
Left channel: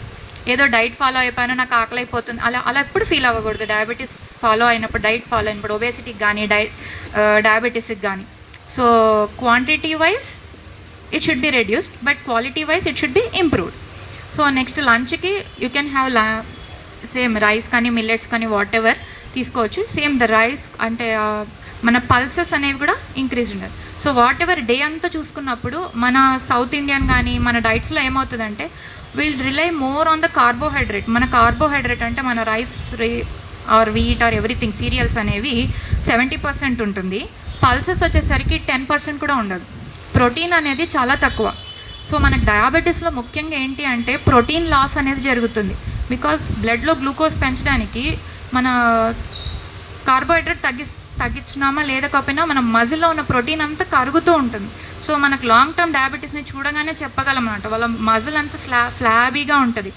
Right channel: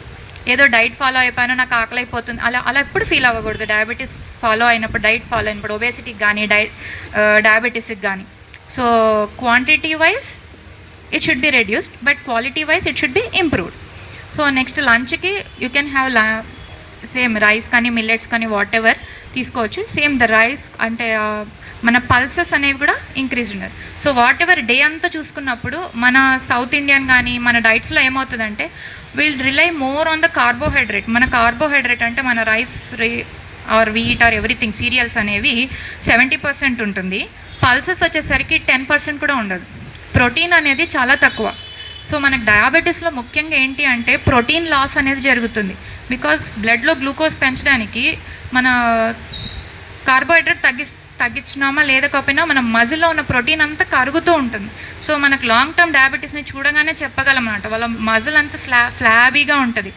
ఏదో డైట్ ఫాలో అయిపోయాను నాకు ఆకలి అయిపోతుంది అలా ఎప్పుడు ఫీల్ అవ్వకూడదు. డయాబెటీస్ ఫాలో అయినప్పుడు, డైట్ ఫాలో అయినప్పుడు, ఒబేసిటీకి కానీ డయాబెటీస్కి కానీ. So quantity wise it should be reduced, but quality wise it should be improved. So next లంచ్కి you can have same rice కానీ మిల్లెట్స్ కానీ వాట్ ఎవర్ తీసుకోవచ్చు. సేమ్ ద రైస్ అంటే మన పల్సెస్ అనేవి కూడా ఇంక్రీజ్ ఉండదు. సో వాట్ ఎవర్ డే అంతా చూసుకున్నప్పుడు మన సౌత్ ఇండియన్ కానీ మన డైట్స్లో ఏమవుతుందంటే will rely more on the carbohydrate. మన కార్బోహైడ్రేట్ అంటే మన rice or wheat or everything cereals అనేవి 70% ఉంటుంది. పల్సెస్ వచ్చేసరికి 10% కూడా ఉండదు. ప్రోటీన్ అనేది చాలా తక్కువ. సో మనకు డయాబెటీస్లో ముఖ్యంగా ఏంటి అంటే ప్రోటీన్ లాస్ అనేది జరుగుతుంది. బికాస్ బ్లడ్లో గ్లూకోజ్ పెంచడానికి మన కార్బోహైడ్రేట్ తగ్గించినామా లేకపోయినా మన మజిల్లో ఉన్న ప్రోటీన్ అంతా కరుగుతూ ఉంటుంది. సో మనకు లాంగ్ టర్మ్ డయాబెటీస్ని చూడగానే చెప్పగలం అన్నమాట, వాళ్ళ మజిల్ అంతా ఫ్లాబీగా ఉంటుంది.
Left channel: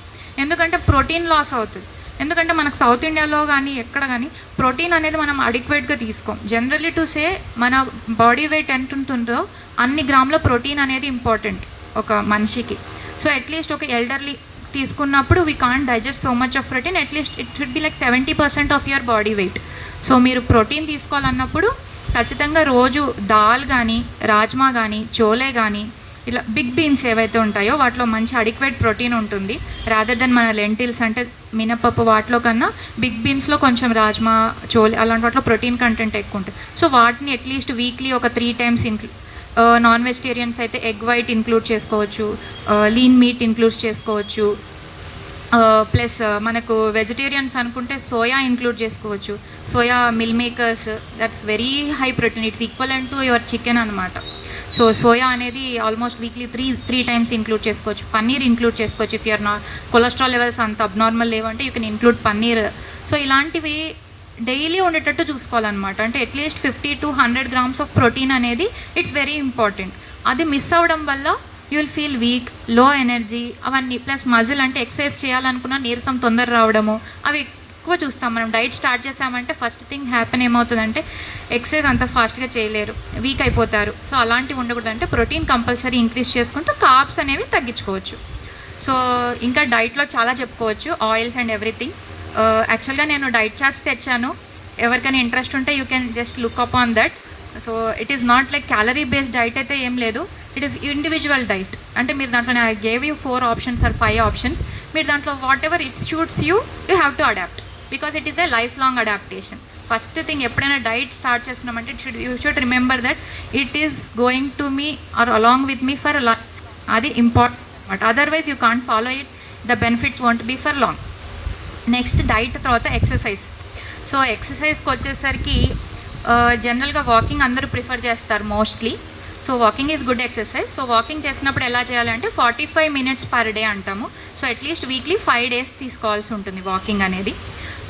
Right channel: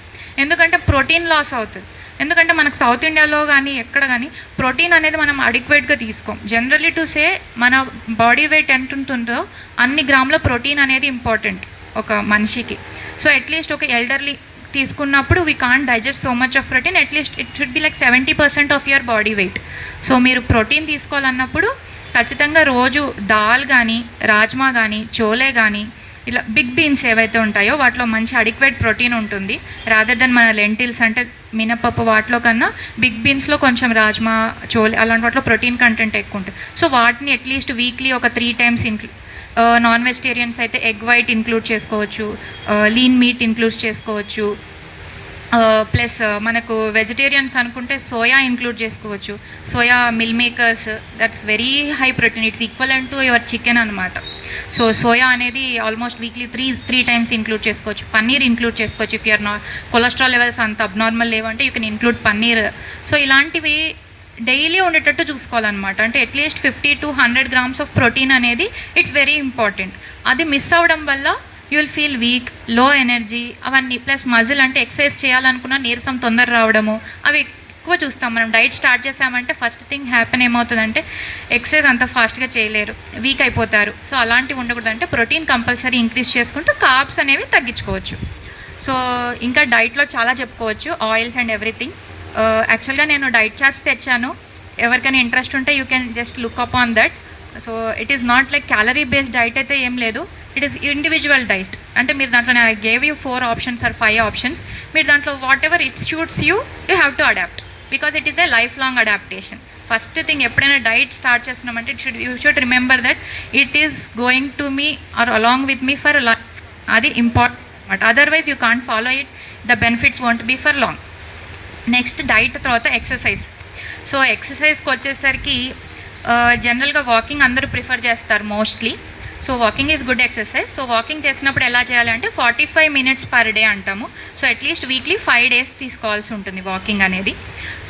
ఎందుకంటే ప్రోటీన్ లాస్ అవుతుంది. ఎందుకంటే మనకు సౌత్ ఇండియాలో కానీ ఎక్కడ కానీ ప్రోటీన్ అనేది మనం అడిక్వేట్గా తీసుకోం. జనరలీ టు సే మన బాడీ వెయిట్ ఎంత ఉంటుందో అన్ని గ్రాముల ప్రోటీన్ అనేది ఇంపార్టెంట్ ఒక మనిషికి. సో అట్లీస్ట్ ఒక ఎల్డర్లీ తీసుకున్నప్పుడు we can't digest so much of protein. At least it should be like 70% of your body wait. So మీరు ప్రోటీన్ తీసుకోవాలన్నప్పుడు ఖచ్చితంగా రోజు దాల్ కానీ రాజ్మా కానీ చోలే కానీ ఇలా బిగ్ బీన్స్ ఏవైతే ఉంటాయో వాటిలో మంచి అడిక్వేట్ ప్రోటీన్ ఉంటుంది. రాదర్ దెన్ మన లెంటిల్స్ అంటే మినపప్పు వాటిలో కన్నా బిగ్ బీన్స్లో కొంచెం రాజ్మా చోలే అలాంటి వాటిలో ప్రోటీన్ కంటెంట్ ఎక్కువ ఉంటుంది. సో వాటిని అట్లీస్ట్ వీక్లీ ఒక 3 times నాన్ వెజిటేరియన్స్ అయితే ఎగ్ వైట్ ఇంక్లూడ్ చేసుకోవచ్చు, లీన్ మీట్ ఇంక్లూడ్ చేసుకోవచ్చు. ప్లస్ మనకు వెజిటేరియన్స్ అనుకుంటే సోయా ఇంక్లూడ్ చేసుకోవచ్చు. Soya mill makers that's very high protein, it's equivalent to your chicken అనమాట. సో సోయా అనేది ఆల్మోస్ట్ వీక్లీ 3 times ఇంక్లూడ్ చేసుకోవచ్చు. Paneer include చేసుకోవచ్చు. ఇఫ్ యూఆర్ కొలెస్ట్రాల్ లెవెల్స్ అంత అబ్నార్మల్ లేవంటే you can include paneer. So ఇలాంటివి daily ఉండేటట్టు చూసుకోవాలన్నమాట. అంటే at least 50 to 100 grams of protein అనేది ఇట్స్ వెరీ ఇంపార్టెంట్. అది మిస్ అవ్వడం వల్ల యూ విల్ ఫీల్ వీక్, లో ఎనర్జీ అవన్నీ. ప్లస్ మజిల్ అంటే ఎక్సర్సైజ్ చేయాలనుకున్న నీరసం తొందర రావడము అవి ఎక్కువ చూస్తాం. మనం డైట్ స్టార్ట్ చేసామంటే ఫస్ట్ థింగ్ హ్యాపెన్ ఏమవుతుందంటే ఎక్సర్సైజ్ అంత ఫాస్ట్గా చేయలేరు, వీక్ అయిపోతారు. సో అలాంటివి ఉండకూడదు. అంటే ప్రోటీన్ కంపల్సరీ ఇంక్రీజ్ చేసుకుంటూ కార్బ్స్ అనేవి తగ్గించుకోవచ్చు. సో ఇంకా డైట్లో చాలా చెప్పుకోవచ్చు, ఆయిల్స్ అండ్ ఎవ్రీథింగ్. యాక్చువల్గా నేను డైట్ చార్ట్స్ తెచ్చాను. ఎవరికైనా ఇంట్రెస్ట్ ఉంటే you can just look up on that. So it is not like calorie based diet అయితే ఏం లేదు. It is individual diet. అంటే మీరు దాంట్లో I gave you 4 options or 5 options. మీరు దాంట్లో whatever it suits you have to adopt. Because it is a life long adaptation. First thing ఎప్పుడైనా diet start చేస్తున్నామంటే you should remember that it is going to మీ are along with మీ for life. అది important అనమాట. Otherwise you can't follow it, the benefits won't be for long. Next diet తర్వాత exercise. So ఎక్సర్సైజ్కి వచ్చేసరికి జనరల్గా walking అందరూ ప్రిఫర్ చేస్తారు mostly. So walking is good exercise. So walking చేసినప్పుడు ఎలా చేయాలంటే 45 minutes per day అంటాము. సో అట్లీస్ట్ వీక్లీ 5 days తీసుకోవాల్సి ఉంటుంది వాకింగ్ అనేది.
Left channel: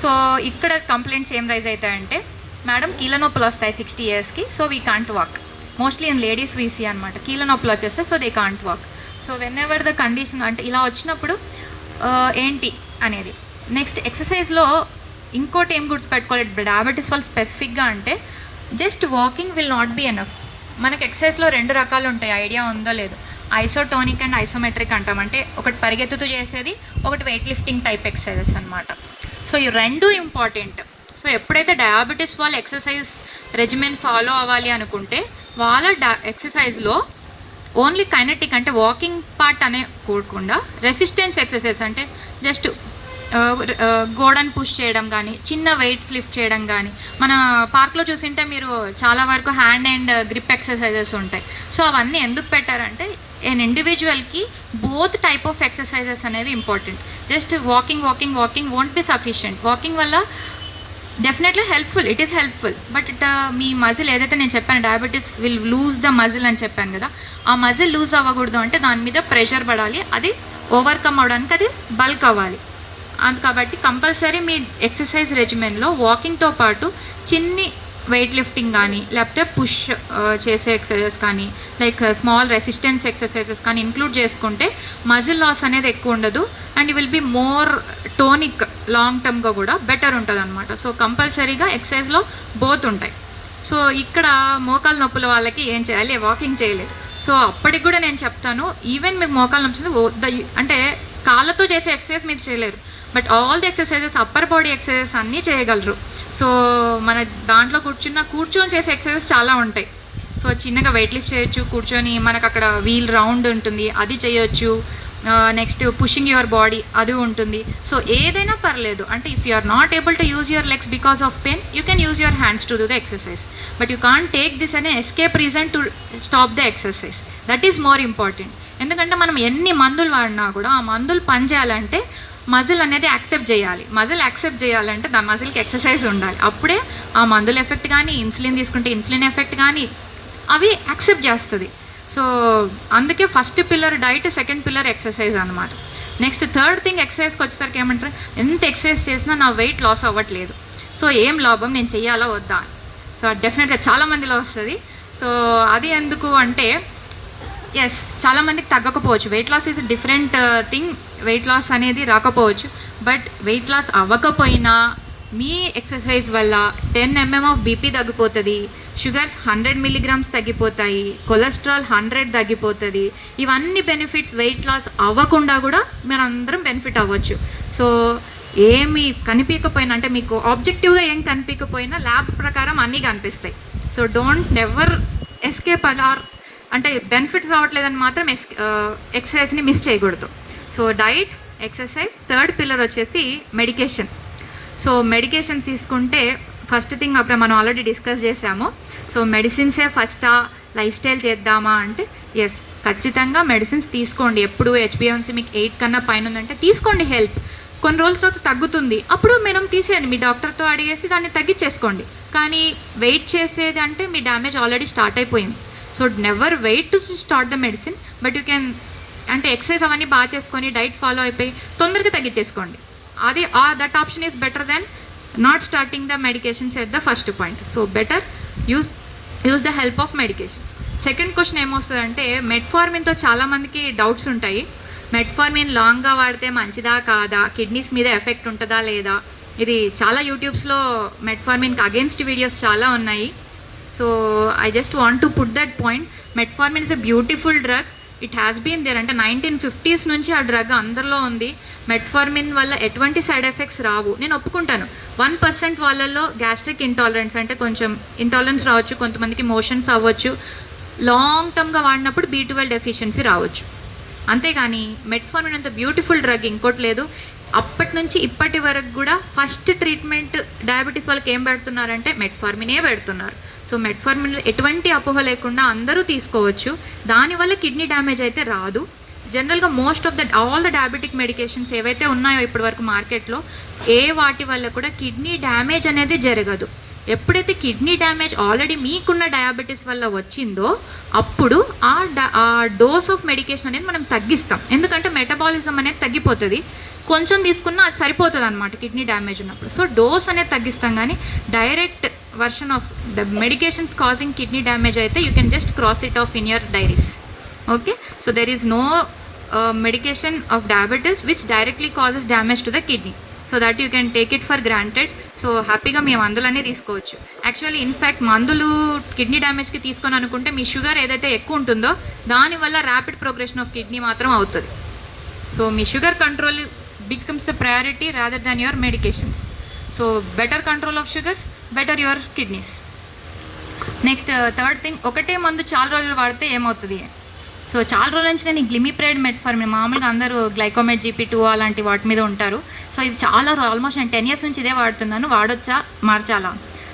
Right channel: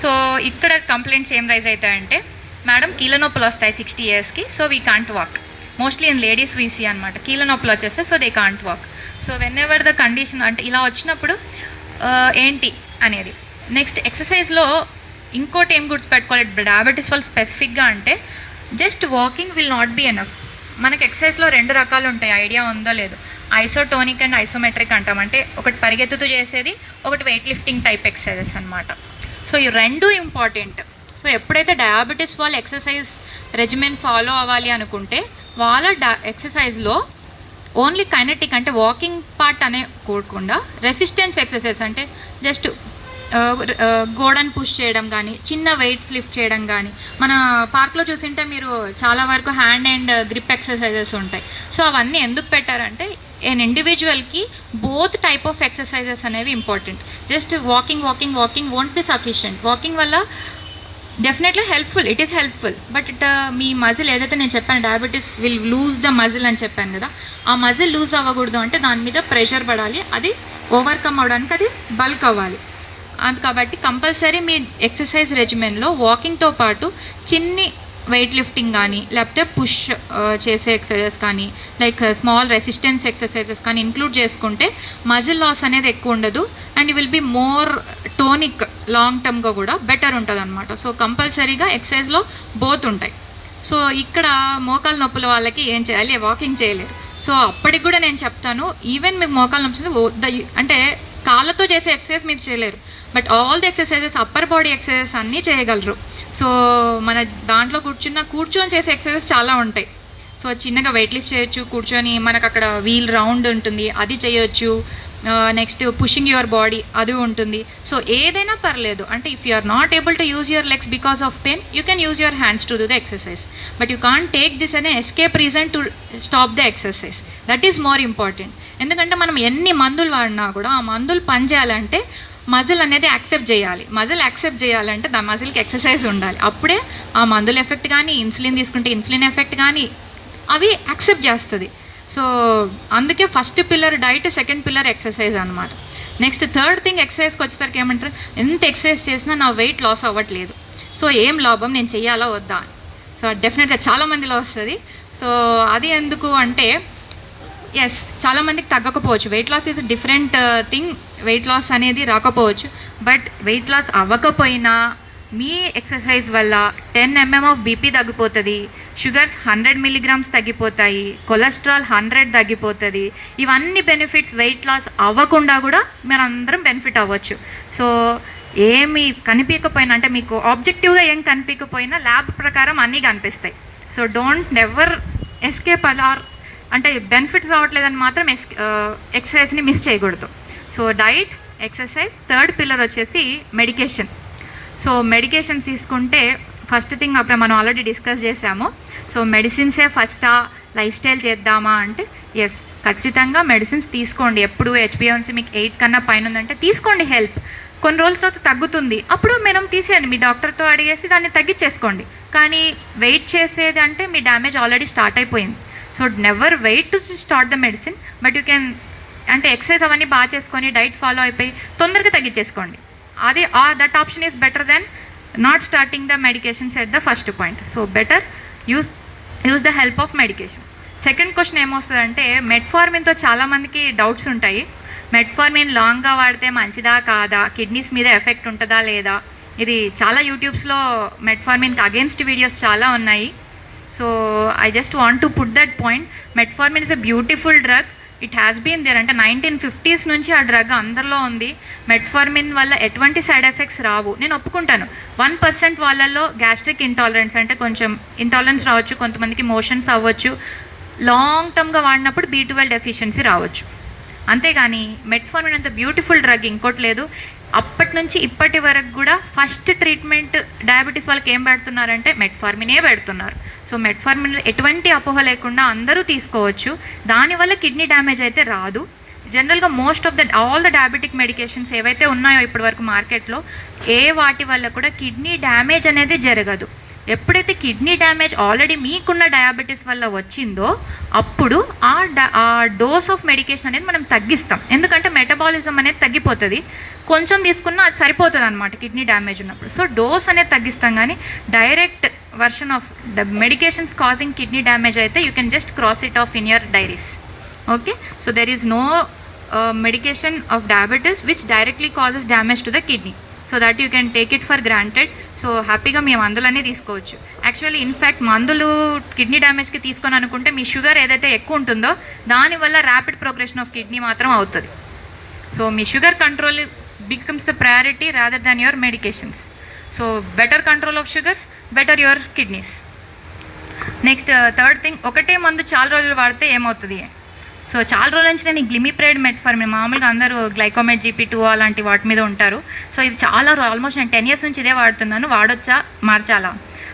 సో ఇక్కడ కంప్లైంట్స్ ఏం రైజ్ అవుతాయంటే మేడం కీళ్ళ నొప్పులు వస్తాయి 60 yearsకి, so we can't walk. Mostly in ladies వీసీ అనమాట కీళ్ళ నొప్పులు వచ్చేస్తే, so they can't walk. So whenever the condition అంటే ఇలా వచ్చినప్పుడు ఏంటి అనేది. నెక్స్ట్ ఎక్సర్సైజ్లో ఇంకోటి ఏం గుర్తుపెట్టుకోవాలి డయాబెటీస్ వాళ్ళు స్పెసిఫిక్గా అంటే just walking will not be enough. మనకి ఎక్సర్సైజ్లో 2 రకాలు ఉంటాయి, ఐడియా ఉందో లేదో. ఐసోటోనిక్ అండ్ ఐసోమెట్రిక్ అంటాం. అంటే ఒకటి పరిగెత్తుతూ చేసేది, ఒకటి వెయిట్ లిఫ్టింగ్ టైప్ ఎక్సర్సైజెస్ అనమాట. సో ఈ 2 ఇంపార్టెంట్. సో ఎప్పుడైతే డయాబెటీస్ వాళ్ళు ఎక్సర్సైజ్ రెజిమెన్ ఫాలో అవ్వాలి అనుకుంటే వాళ్ళ ఎక్సర్సైజ్లో ఓన్లీ కైనెటిక్ అంటే వాకింగ్ పార్ట్ అనే కూడకుండా రెసిస్టెన్స్ ఎక్సర్సైజ్ అంటే జస్ట్ గోడను పుష్ చేయడం కానీ, చిన్న వెయిట్ లిఫ్ట్ చేయడం కానీ. మన పార్క్లో చూసింటే మీరు చాలా వరకు హ్యాండ్ అండ్ గ్రిప్ ఎక్సర్సైజెస్ ఉంటాయి. సో అవన్నీ ఎందుకు పెట్టారంటే ఎన్ ఇండివిజువల్కి బోత్ టైప్ ఆఫ్ ఎక్సర్సైజెస్ అనేవి important. Just walking won't be sufficient. Walking వల్ల definitely helpful, it is helpful. But మీ మజిల్ ఏదైతే నేను చెప్పాను diabetes will lose the muscle అని చెప్పాను కదా, ఆ మజిల్ లూజ్ అవ్వకూడదు అంటే దాని మీద ప్రెషర్ పడాలి. అది ఓవర్కమ్ అవ్వడానికి అది బల్క్ అవ్వాలి. కాబట్టి కంపల్సరీ మీ ఎక్సర్సైజ్ రెజిమెన్లో వాకింగ్తో పాటు చిన్ని వెయిట్ లిఫ్టింగ్ కానీ లేకపోతే పుష్ చేసే ఎక్సర్సైజెస్ కానీ లైక్ స్మాల్ రెసిస్టెన్స్ ఎక్సర్సైజెస్ కానీ ఇంక్లూడ్ చేసుకుంటే మజిల్ లాస్ అనేది ఎక్కువ ఉండదు and will be more tonic long టర్మ్గా కూడా బెటర్ ఉంటుంది అనమాట. సో కంపల్సరీగా ఎక్సర్సైజ్లో బోత్ ఉంటాయి. సో ఇక్కడ మోకాలు నొప్పుల వాళ్ళకి ఏం చేయాలి, వాకింగ్ చేయలేరు. సో అప్పటికి కూడా నేను చెప్తాను, ఈవెన్ మీకు మోకాలు నొప్పి అంటే కాళ్ళతో చేసే ఎక్సర్సైజ్ మీరు చేయలేరు, but all the exercises upper body exercises అన్నీ చేయగలరు. సో మన దాంట్లో కూర్చొని చేసే ఎక్సర్సైజెస్ చాలా ఉంటాయి. సో చిన్నగా వెయిట్ లిఫ్ట్ చేయొచ్చు కూర్చొని, మనకు అక్కడ వీల్ రౌండ్ ఉంటుంది అది చేయొచ్చు. నెక్స్ట్ పుషింగ్ యువర్ బాడీ అది ఉంటుంది. సో ఏదైనా పర్లేదు, అంటే if you are not able to use your legs because of pain, you can use your hands to do the exercise. But you can't take this అనే escape reason to stop the exercise. That is more important. ఎందుకంటే మనం ఎన్ని మందులు వాడినా కూడా ఆ మందులు పనిచేయాలంటే మజిల్ అనేది యాక్సెప్ట్ చేయాలి. మజిల్ యాక్సెప్ట్ చేయాలంటే దా మజిల్కి ఎక్సర్సైజ్ ఉండాలి. అప్పుడే ఆ మందుల ఎఫెక్ట్ కానీ, ఇన్సులిన్ తీసుకుంటే ఇన్సులిన్ ఎఫెక్ట్ కానీ అవి యాక్సెప్ట్ చేస్తుంది. సో అందుకే first pillar diet, second pillar exercise అనమాట. నెక్స్ట్ థర్డ్ థింగ్ ఎక్సర్సైజ్కి వచ్చేసరికి ఏమంటారు, ఎంత ఎక్సర్సైజ్ చేసినా నా వెయిట్ లాస్ అవ్వట్లేదు, సో ఏం లాభం, నేను చెయ్యాలా వద్దా. సో డెఫినెట్గా చాలామందిలో వస్తుంది. సో అది ఎందుకు అంటే ఎస్, చాలామందికి తగ్గకపోవచ్చు. Weight loss is different thing. Weight loss అనేది రాకపోవచ్చు, బట్ వెయిట్ లాస్ అవ్వకపోయినా మీ ఎక్సర్సైజ్ వల్ల 10 mm ఆఫ్ బీపీ తగ్గిపోతుంది, షుగర్స్ 100 mg తగ్గిపోతాయి, కొలెస్ట్రాల్ 100 తగ్గిపోతుంది. ఇవన్నీ బెనిఫిట్స్ వెయిట్ లాస్ అవ్వకుండా కూడా మీరు అందరం బెనిఫిట్ అవ్వచ్చు. సో ఏమి కనిపించకపోయినా, అంటే మీకు ఆబ్జెక్టివ్గా ఏం కనిపించకపోయినా ల్యాబ్ ప్రకారం అన్నీ కనిపిస్తాయి. సో డోంట్ నెవర్ ఎస్కేప్ అలార్, అంటే బెనిఫిట్స్ రావట్లేదని మాత్రం ఎక్సర్సైజ్ని మిస్ చేయకూడదు. So diet, exercise, third pillar వచ్చేసి మెడికేషన్. సో మెడికేషన్స్ తీసుకుంటే ఫస్ట్ థింగ్ అప్పుడే మనం ఆల్రెడీ డిస్కస్ చేసాము. సో మెడిసిన్సే ఫస్టా, లైఫ్ స్టైల్ చేద్దామా అంటే ఎస్, ఖచ్చితంగా మెడిసిన్స్ తీసుకోండి. ఎప్పుడు HbA1c మీకు 8 కన్నా పైన ఉందంటే తీసుకోండి హెల్ప్. కొన్ని రోజుల తర్వాత తగ్గుతుంది, అప్పుడు మనం తీసేయండి, మీ డాక్టర్తో అడిగేసి దాన్ని తగ్గించేసుకోండి. కానీ వెయిట్ చేసేది అంటే మీ డ్యామేజ్ ఆల్రెడీ స్టార్ట్ అయిపోయింది. So never wait to start the medicine, but you can, అంటే ఎక్సర్సైజ్ అవన్నీ బాగా చేసుకొని డైట్ ఫాలో అయిపోయి తొందరగా తగ్గించేసుకోండి. అది that option is better then not starting the medications at the first point. So better use the help of medication. Second question ఏమొస్తుందంటే, మెట్ఫార్మిన్తో చాలామందికి డౌట్స్ ఉంటాయి. మెట్ఫార్మిన్ లాంగ్గా వాడితే మంచిదా కాదా, కిడ్నీస్ మీద ఎఫెక్ట్ ఉంటుందా లేదా. ఇది చాలా యూట్యూబ్స్లో మెట్ఫార్మిన్కి అగేన్స్ట్ వీడియోస్ చాలా ఉన్నాయి. So I just want to put that point. Metformin is a beautiful drug. It has been there, అంటే 1950s నుంచి ఆ డ్రగ్ అందరిలో ఉంది. మెట్ఫార్మిన్ వల్ల ఎటువంటి సైడ్ ఎఫెక్ట్స్ రావు. నేను ఒప్పుకుంటాను, 1% వాళ్ళల్లో గ్యాస్ట్రిక్ ఇంటాలరెన్స్, అంటే కొంచెం ఇంటాలరెన్స్ రావచ్చు, కొంతమందికి మోషన్స్ అవ్వచ్చు, లాంగ్ టర్మ్గా వాడినప్పుడు B12 డెఫిషియన్సీ రావచ్చు. అంతేగాని మెట్ఫార్మిన్ అంత బ్యూటిఫుల్ డ్రగ్ ఇంకోటి లేదు. అప్పటి నుంచి ఇప్పటి వరకు కూడా ఫస్ట్ ట్రీట్మెంట్ డయాబెటీస్ వాళ్ళకి ఏం పెడుతున్నారంటే మెట్ఫార్మినే పెడుతున్నారు. సో మెట్ఫార్మిన్ ఎటువంటి అపోహ లేకుండా అందరూ తీసుకోవచ్చు. దానివల్ల కిడ్నీ డ్యామేజ్ అయితే రాదు. జనరల్గా most of all the diabetic medications ఏవైతే ఉన్నాయో ఇప్పటి వరకు మార్కెట్లో, వాటి వల్ల కూడా కిడ్నీ డ్యామేజ్ అనేది జరగదు. ఎప్పుడైతే కిడ్నీ డ్యామేజ్ ఆల్రెడీ మీకున్న డయాబెటీస్ వల్ల వచ్చిందో అప్పుడు ఆ డోస్ ఆఫ్ మెడికేషన్ అనేది మనం తగ్గిస్తాం. ఎందుకంటే మెటబాలిజం అనేది తగ్గిపోతుంది, కొంచెం తీసుకున్నా అది సరిపోతుంది అనమాట కిడ్నీ డ్యామేజ్ ఉన్నప్పుడు. సో డోస్ అనేది తగ్గిస్తాం, కానీ direct version of medications causing kidney damage అయితే you can just cross it off in your diaries. Okay, so there is no medication of diabetes which directly causes damage to the kidney. So that you can take it for granted. So హ్యాపీగా మీ మందులన్నీ తీసుకోవచ్చు. Actually in fact మందులు kidney డ్యామేజ్కి తీసుకొని అనుకుంటే మీ sugar ఏదైతే ఎక్కువ ఉంటుందో దానివల్ల ర్యాపిడ్ ప్రోగ్రెషన్ ఆఫ్ కిడ్నీ మాత్రం అవుతుంది. So me sugar control becomes the priority rather than your medications. So better control of sugars, better your kidneys. Next third thing, ఒకటే మందు చాలా రోజులు వాడితే ఏమవుతుంది. సో చాలా రోజుల నుంచి నేను గ్లిమిప్రైడ్, మెట్ఫార్మిన్, మామూలుగా అందరూ గ్లైకోమెట్ GP2 అలాంటి వాటి మీద ఉంటారు. సో ఇది చాలా ఆల్మోస్ట్ నేను 10 years నుంచి ఇదే వాడుతున్నాను. వాడొచ్చా, మార్చాలా?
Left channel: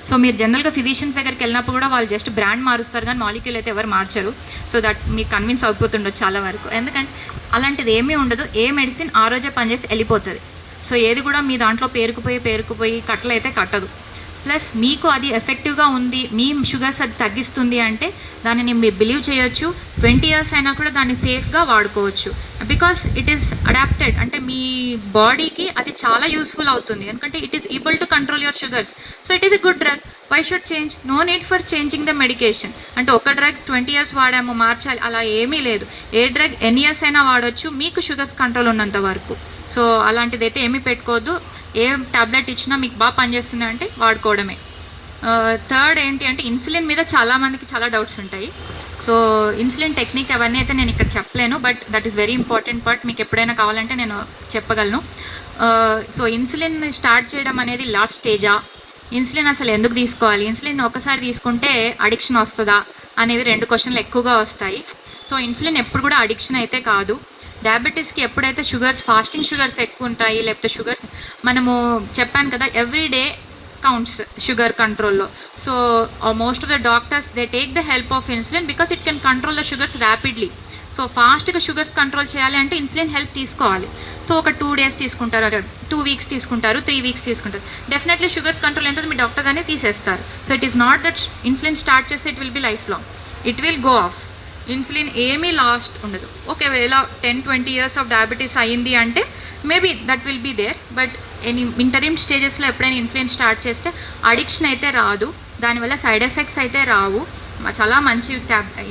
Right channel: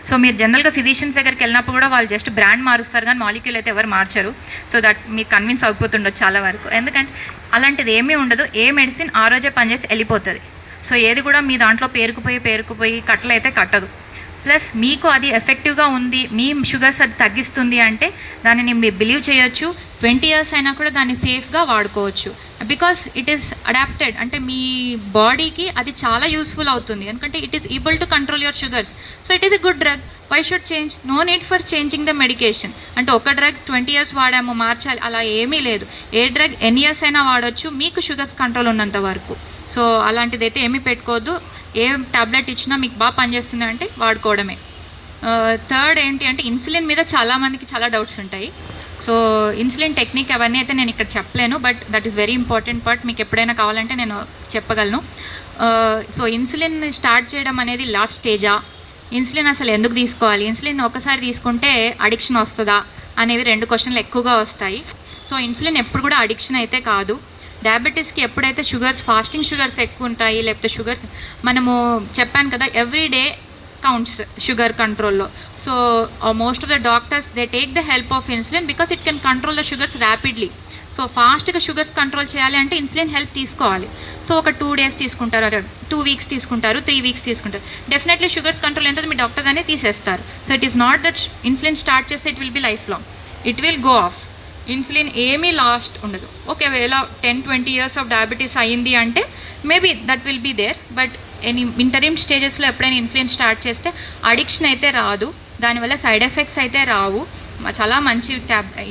సో మీరు జనరల్గా ఫిజిషియన్స్ దగ్గరికి వెళ్ళినప్పుడు కూడా వాళ్ళు జస్ట్ బ్రాండ్ మారుస్తారు, కానీ మాలిక్యూల్ అయితే ఎవరు మార్చరు. సో దట్ మీకు కన్విన్స్ అయిపోతుండొచ్చు చాలా వరకు. ఎందుకంటే అలాంటిది ఏమీ ఉండదు. ఏ మెడిసిన్ ఆ రోజే పనిచేసి వెళ్ళిపోతుంది. సో ఏది కూడా మీ దాంట్లో పేరుకుపోయి కట్టలు అయితే కట్టదు. ప్లస్ మీకు అది ఎఫెక్టివ్గా ఉంది, మీ షుగర్స్ అది తగ్గిస్తుంది అంటే దానిని మీరు బిలీవ్ చేయొచ్చు. 20 years అయినా కూడా దాన్ని సేఫ్గా వాడుకోవచ్చు. బికాస్ ఇట్ ఈస్ అడాప్టెడ్, అంటే మీ బాడీకి అది చాలా యూస్ఫుల్ అవుతుంది. ఎందుకంటే it is able to control your sugars. So it is a good drug. Why should change? No need for changing the medication. అంటే ఒక డ్రగ్ 20 years వాడాము మార్చాలి అలా ఏమీ లేదు. ఏ డ్రగ్ ఎన్ని ఇయర్స్ అయినా వాడవచ్చు మీకు షుగర్స్ కంట్రోల్ ఉన్నంత వరకు. సో అలాంటిది అయితే ఏమీ పెట్టుకోవద్దు. ఏ ట్యాబ్లెట్ ఇచ్చినా మీకు బాగా పనిచేస్తుంది అంటే వాడుకోవడమే. థర్డ్ ఏంటి అంటే ఇన్సులిన్ మీద చాలామందికి చాలా డౌట్స్ ఉంటాయి. సో ఇన్సులిన్ టెక్నిక్ అవన్నీ అయితే నేను ఇక్కడ చెప్పలేను, but that is very important part. మీకు ఎప్పుడైనా కావాలంటే నేను చెప్పగలను. సో ఇన్సులిన్ స్టార్ట్ చేయడం అనేది లాస్ట్ స్టేజా, ఇన్సులిన్ అసలు ఎందుకు తీసుకోవాలి, ఇన్సులిన్ ఒకసారి తీసుకుంటే అడిక్షన్ వస్తుందా అనేవి 2 questions ఎక్కువగా వస్తాయి. సో ఇన్సులిన్ ఎప్పుడు కూడా అడిక్షన్ అయితే కాదు. డయాబెటీస్కి ఎప్పుడైతే ఫాస్టింగ్ షుగర్స్ ఎక్కువ ఉంటాయి, లేకపోతే షుగర్స్ మనము చెప్పాను కదా ఎవ్రీ డే కౌంట్స్ షుగర్ కంట్రోల్లో. So most of the doctors they take the help of insulin because it can control the sugars rapidly. So ఫాస్ట్గా షుగర్స్ కంట్రోల్ చేయాలి అంటే ఇన్సులిన్ హెల్ప్ తీసుకోవాలి. సో ఒక 2 days తీసుకుంటారు, అదే 2 weeks తీసుకుంటారు, 3 weeks తీసుకుంటారు. డెఫినెట్లీ షుగర్స్ కంట్రోల్ ఎంత మీ డాక్టర్ గానే తీసేస్తారు. So it is not that insulin start చేస్తే it will be life long, it will go off. Insulin ఏమీ లాస్ట్ ఉండదు. ఒకవేళ 10-20 years ఆఫ్ డయాబెటీస్ అయ్యింది అంటే maybe that will be there, but interim స్టేజెస్లో ఎప్పుడైనా ఇన్సులిన్ స్టార్ట్ చేస్తే అడిక్షన్ అయితే రాదు, దానివల్ల సైడ్ ఎఫెక్ట్స్ అయితే రావు. చాలా మంచి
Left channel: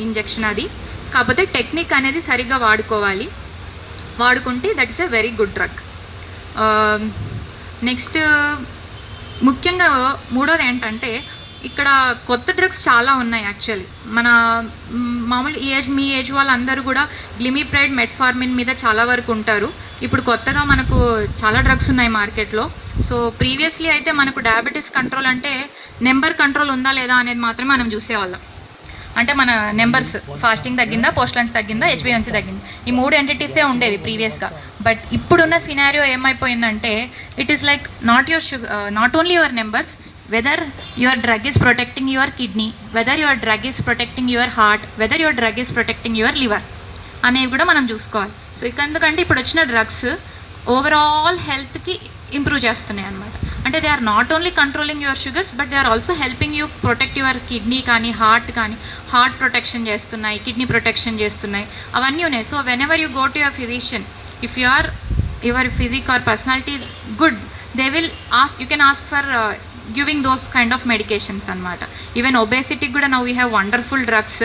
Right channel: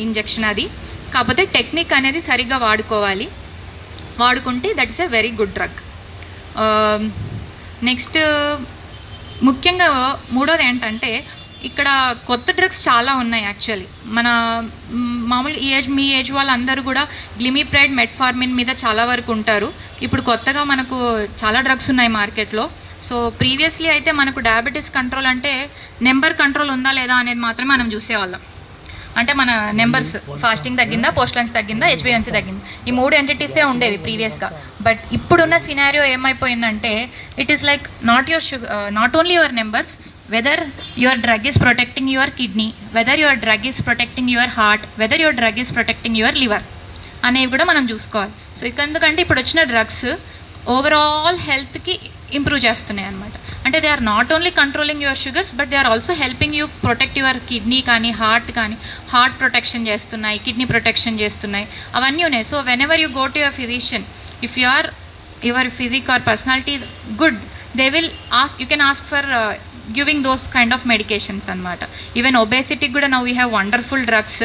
ఇంజెక్షన్ అది. కాకపోతే టెక్నిక్ అనేది సరిగ్గా వాడుకుంటే that is a very good drug. Next ముఖ్యంగా మూడోది ఏంటంటే ఇక్కడ కొత్త డ్రగ్స్ చాలా ఉన్నాయి యాక్చువల్లీ. మన మామూలు మీ ఏజ్ వాళ్ళందరూ కూడా గ్లిమిప్రైడ్, మెట్ఫార్మిన్ మీద చాలా వరకు ఉంటారు. ఇప్పుడు కొత్తగా మనకు చాలా డ్రగ్స్ ఉన్నాయి మార్కెట్లో. సో ప్రీవియస్లీ అయితే మనకు డయాబెటీస్ కంట్రోల్ అంటే నెంబర్ కంట్రోల్ ఉందా లేదా అనేది మాత్రమే మనం చూసేవాళ్ళం. అంటే మన నెంబర్స్, ఫాస్టింగ్ తగ్గిందా, పోస్ట్ లంచ్ తగ్గిందా, హెచ్బిఎన్సీ తగ్గిందా, ఈ 3 entities ఉండేవి ప్రీవియస్గా. బట్ ఇప్పుడున్న సినారియో ఏమైపోయిందంటే it is like not only your numbers, weather your drug is protecting your kidney, weather your drug is protecting your heart, weather your drug is protecting your liver అనేవి కూడా మనం చూసుకోవాలి. So ఎందుకంటే ఇప్పుడు వచ్చిన drugs overall హెల్త్కి improve చేస్తున్నాయి అన్నమాట. అంటే they are not only controlling your sugars but they are also helping you protect your kidney కానీ హార్ట్ ప్రొటెక్షన్ చేస్తున్నాయి, కిడ్నీ ప్రొటెక్షన్ చేస్తున్నాయి, అవన్నీ ఉన్నాయి. So whenever you go to your physician, if your physique or personality is good, they will you can ask for giving those kind of medications అనమాట. Even ఒబేసిటీకి కూడా now we have wonderful drugs.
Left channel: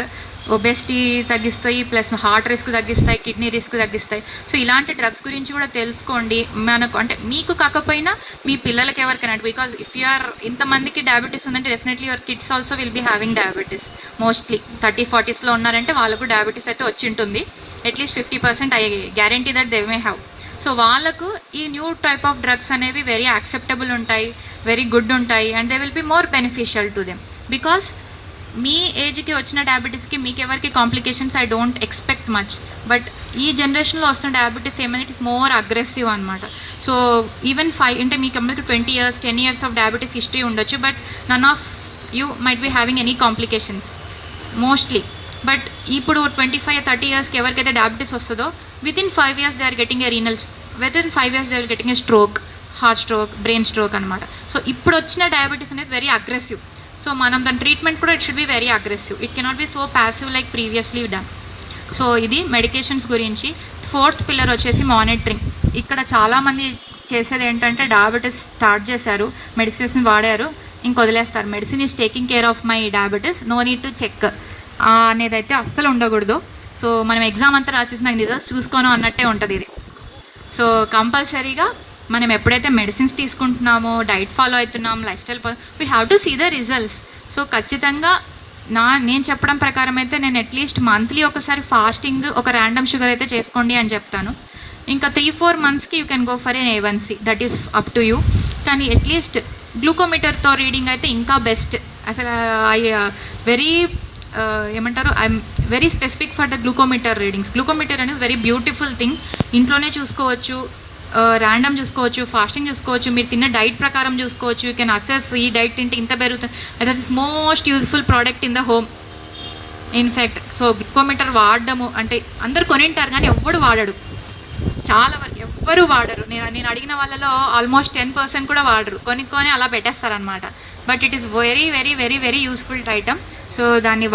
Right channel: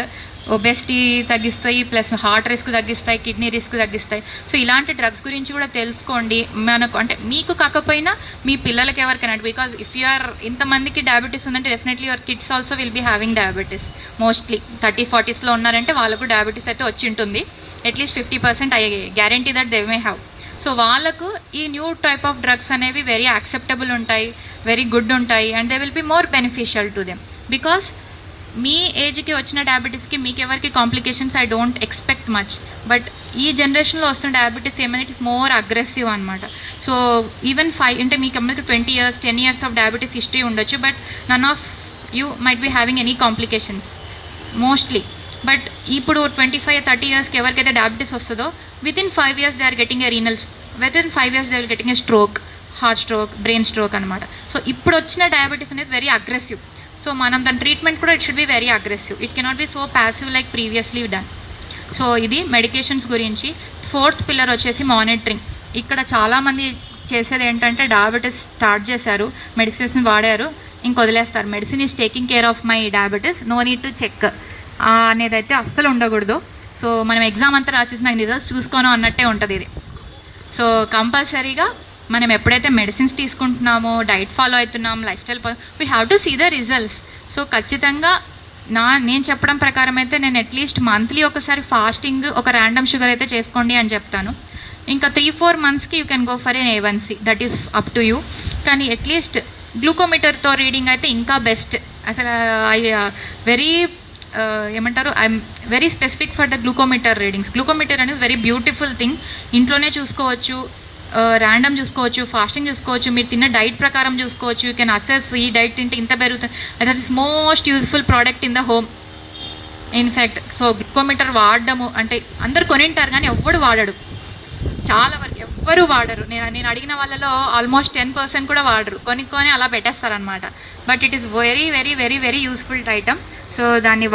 Obesity తగ్గిస్తాయి, plus heart risk తగ్గిస్తాయి, kidney risk తగ్గిస్తాయి. So ఇలాంటి drugs గురించి కూడా తెలుసుకోండి. మనకు అంటే మీకు కాకపోయినా మీ పిల్లలకి ఎవరికైనా, బికాజ్ ఇఫ్ యూ ఆర్ ఇంతమందికి డయాబెటీస్ ఉందంటే definitely your kids also will be having diabetes. Mostly 30-40sలో ఉన్నారంటే వాళ్ళకు డయాబెటీస్ అయితే వచ్చి ఉంటుంది. At least 50% I guarantee that they may have. So వాళ్ళకు ఈ న్యూ టైప్ ఆఫ్ డ్రగ్స్ అనేవి వెరీ యాక్సెప్టబుల్ ఉంటాయి, వెరీ గుడ్ ఉంటాయి, and they will be more beneficial to them. Because మీ ఏజ్కి వచ్చిన డయాబెటీస్కి మీకు ఎవరికి complications I don't expect much. But ఈ జనరేషన్లో వస్తున్న డయాబెటీస్ ఏమైనా ఇట్ ఇస్ మోర్ అగ్రెసివ్ అనమాట. సో ఈవెన్ అంటే మీకు అందరికి 20 years 10 years of diabetes history ఉండొచ్చు, but none of you might be having any complications mostly. But ఇప్పుడు 25-30 yearsకి ఎవరికైతే డయాబెటీస్ వస్తుందో within 5 years they are getting a within 5 years they are getting a stroke, heart stroke, brain stroke అనమాట. So ఇప్పుడు వచ్చిన diabetes అనేది very aggressive. So మనం దాని ట్రీట్మెంట్ కూడా it should be very aggressive. It cannot be so passive like previously done. So ఇది medications గురించి. 4th pillar వచ్చేసి మానిటరింగ్. ఇక్కడ చాలామంది చేసేది ఏంటంటే డయాబెటీస్ స్టార్ట్ చేశారు, మెడిసిన్స్ వాడారు, ఇంక వదిలేస్తారు. Medicine is taking care of my diabetes, no need to check అనేది అయితే అస్సలు ఉండకూడదు. సో మనం ఎగ్జామ్ అంతా రాసేసి నాకు రిజల్ట్స్ చూసుకోను అన్నట్టే ఉంటుంది ఇది. సో కంపల్సరీగా మనం ఎప్పుడైతే మెడిసిన్స్ తీసుకుంటున్నామో, డైట్ ఫాలో అవుతున్నాం, lifestyle we have to see the results. So ఖచ్చితంగా నేను చెప్పడం ప్రకారం అయితే నేను అట్లీస్ట్ మంత్లీ ఒకసారి ఫాస్టింగ్, ఒక ర్యాండమ్ షుగర్ అయితే చేసుకోండి అని చెప్తాను. ఇంకా 3-4 monthsకి you can go for an A1C, that is up to you. కానీ అట్లీస్ట్ గ్లూకోమీటర్తో రీడింగ్ అయితే ఇంకా బెస్ట్. అసలు వెరీ ఏమంటారు, I'm very specific for the glucometer readings. Glucometer అనేది వెరీ బ్యూటిఫుల్ థింగ్. ఇంట్లోనే చూసుకోవచ్చు, ర్యాండమ్ చూసుకోవచ్చు, ఫాస్టింగ్ చూసుకోవచ్చు, మీరు తిన్న డైట్ ప్రకారం చూసుకోవచ్చు. యూ కెన్ అసెస్ ఈ డైట్ తింటే ఇంత పెరుగుతుంది. That is most useful product in the home in fact. So glucometer వాడడము అంటే అందరు కొనింటారు కానీ ఎవ్వడు వాడడు, చాలా వరకు ఎవ్వరు వాడరు. నేను అడిగిన వాళ్ళలో ఆల్మోస్ట్ 10% కూడా వాడరు, కొనుక్కొని అలా పెట్టేస్తారనమాట. But it is very very very very useful item. So దాన్ని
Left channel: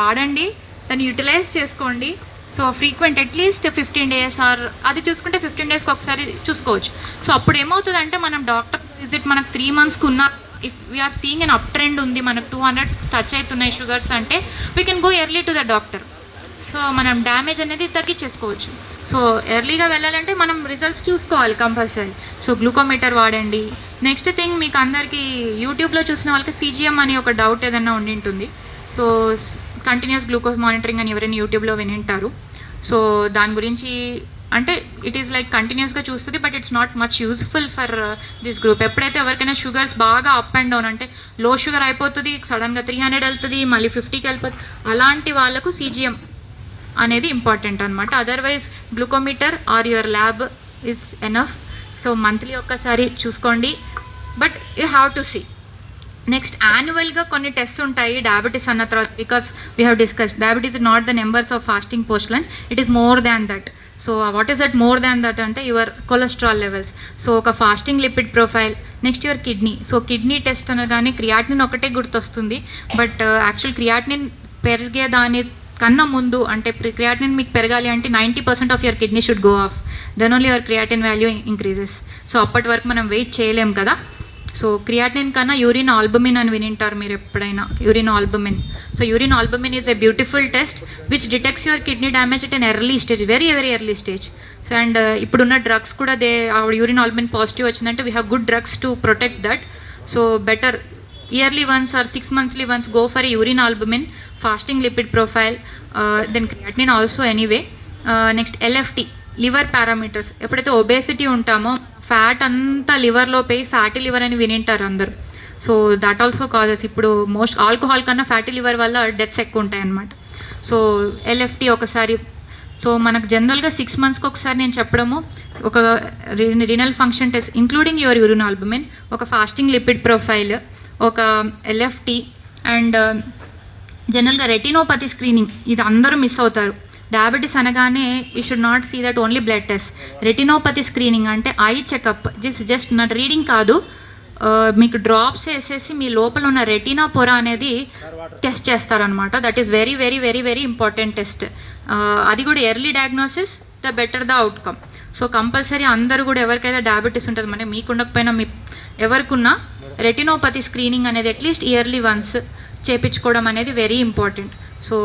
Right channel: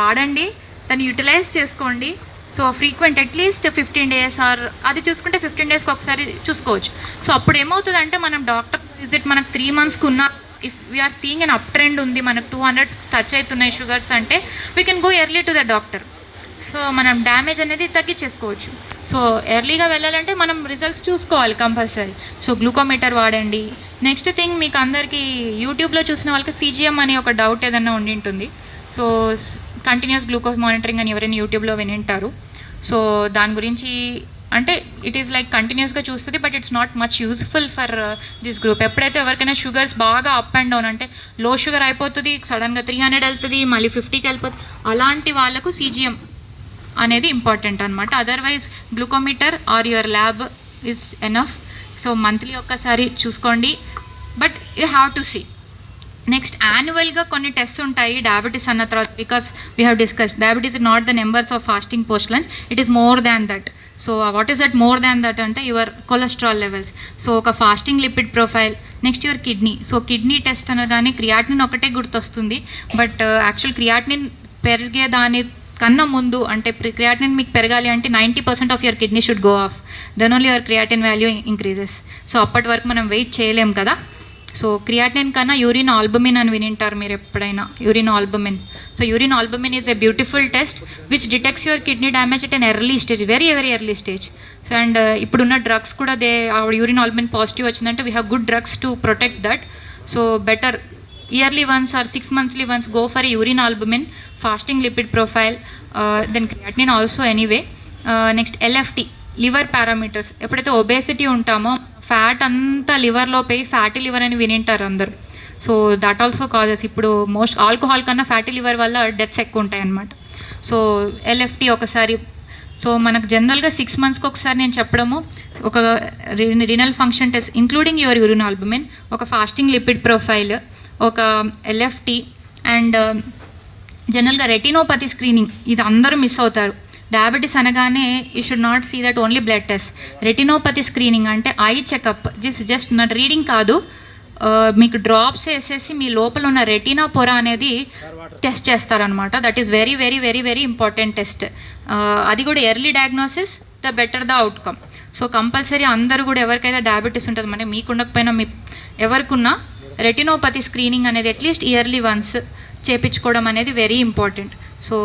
వాడండి, దాన్ని యూటిలైజ్ చేసుకోండి. So frequent at least 15 days or అది చూసుకుంటే 15 daysకి ఒకసారి చూసుకోవచ్చు. సో అప్పుడు ఏమవుతుందంటే మనం డాక్టర్ విజిట్ మనకు 3 monthsకి ఉన్న, if we are seeing an up trend ఉంది, మనకు 200 టచ్ అవుతున్నాయి షుగర్స్ అంటే we can go early to the doctor. So మనం డ్యామేజ్ అనేది తగ్గించేసుకోవచ్చు. సో ఎర్లీగా వెళ్ళాలంటే మనం రిజల్ట్స్ చూసుకోవాలి కంపల్సరీ. సో గ్లూకోమీటర్ వాడండి. నెక్స్ట్ థింగ్, మీకు అందరికీ యూట్యూబ్లో చూసిన వాళ్ళకి CGM అనే ఒక డౌట్ ఏదైనా ఉండి ఉంటుంది. సో కంటిన్యూస్ గ్లూకోజ్ మానిటరింగ్ అని ఎవరైనా యూట్యూబ్లో వినింటారు. సో దాని గురించి అంటే ఇట్ ఈస్ లైక్ కంటిన్యూస్గా చూస్తుంది, but it's not much useful for this group. ఎప్పుడైతే ఎవరికైనా షుగర్స్ బాగా అప్ అండ్ డౌన్, అంటే లో షుగర్ అయిపోతుంది, సడన్గా 300 వెళ్తుంది, మళ్ళీ 50కి వెళ్ళిపోతుంది, అలాంటి వాళ్ళకు CGM అనేది ఇంపార్టెంట్ అనమాట. Otherwise glucometer or your lab is enough. So monthly ఒక్కసారి చూసుకోండి, but you have to see. Next యాన్యువల్గా కొన్ని టెస్ట్ ఉంటాయి డయాబెటీస్ అన్న తర్వాత, because we have discuss diabetes is not the numbers of fasting post lunch, it is more than that. So what is that more than that అంటే your cholesterol levels, so ఒక fasting lipid profile, next your kidney. So kidney test అనగానే creatinine ఒకటే గుర్తొస్తుంది, but actual creatinine పెరిగే దాని కన్నా ముందు అంటే క్రియాటినిన్ మీకు పెరగాలి అంటే 90% of your kidney should go off, then only your creatine value increases. So అప్పటి వరకు మనం వెయిట్ చేయలేం కదా. సో క్రియాటినిన్ కన్నా యూరిన్ ఆల్బుమిన్ అని వినింటారు మీరు ఎప్పుడైనా, urine albumin. So urine albumin is a beautiful test which detects your kidney damage at an early stage, very very early stage. So and ఇప్పుడున్న డ్రగ్స్ కూడా యూరిన్ ఆల్బుమిన్ పాజిటివ్ వచ్చిందంటే we have good drugs to protect that. So better yearly once or 6 monthly once go for a urine albumin, fasting lipid profile, then creatinine also anyway. Next LFT, liver parameters. ఎప్పుడైతే obesity ఉంటామో fat అంతా లివర్లో పోయి fatty liver అని వినింటారు అందరు. So that also causes, ఇప్పుడు most alcohol కన్నా ఫ్యాటీ లివర్ వల్ల డెత్స్ ఎక్కువ ఉంటాయి అన్నమాట. సో ఎల్ఎఫ్టీ ఒకసారి. సో మనకు జనరల్గా 6 monthsకి ఒకసారి నేను చెప్పడము, ఒక renal function test including your urine albumin, ఒక ఫాస్టింగ్ లిపిడ్ ప్రొఫైల్, ఒక ఎల్ఎఫ్టీ, అండ్ జనరల్గా రెటినోపతి స్క్రీనింగ్. ఇది అందరూ మిస్ అవుతారు. డయాబెటీస్ అనగానే you should not see that only blood test. Retinopathy screening అంటే ఐ చెకప్, జస్ట్ నా రీడింగ్ కాదు, మీకు డ్రాప్స్ వేసేసి మీ లోపల ఉన్న రెటినా పొర అనేది టెస్ట్ చేస్తారనమాట. That is very very very very important test. అది కూడా early diagnosis the better the outcome. So compulsory అందరూ కూడా ఎవరికైతే డయాబెటీస్ ఉంటుంది, అంటే మీకు ఉండకపోయినా మీ ఎవరికున్నా రెటినోపతి స్క్రీనింగ్ అనేది అట్లీస్ట్ ఇయర్లీ వన్స్ చేపించుకోవడం అనేది వెరీ ఇంపార్టెంట్. సో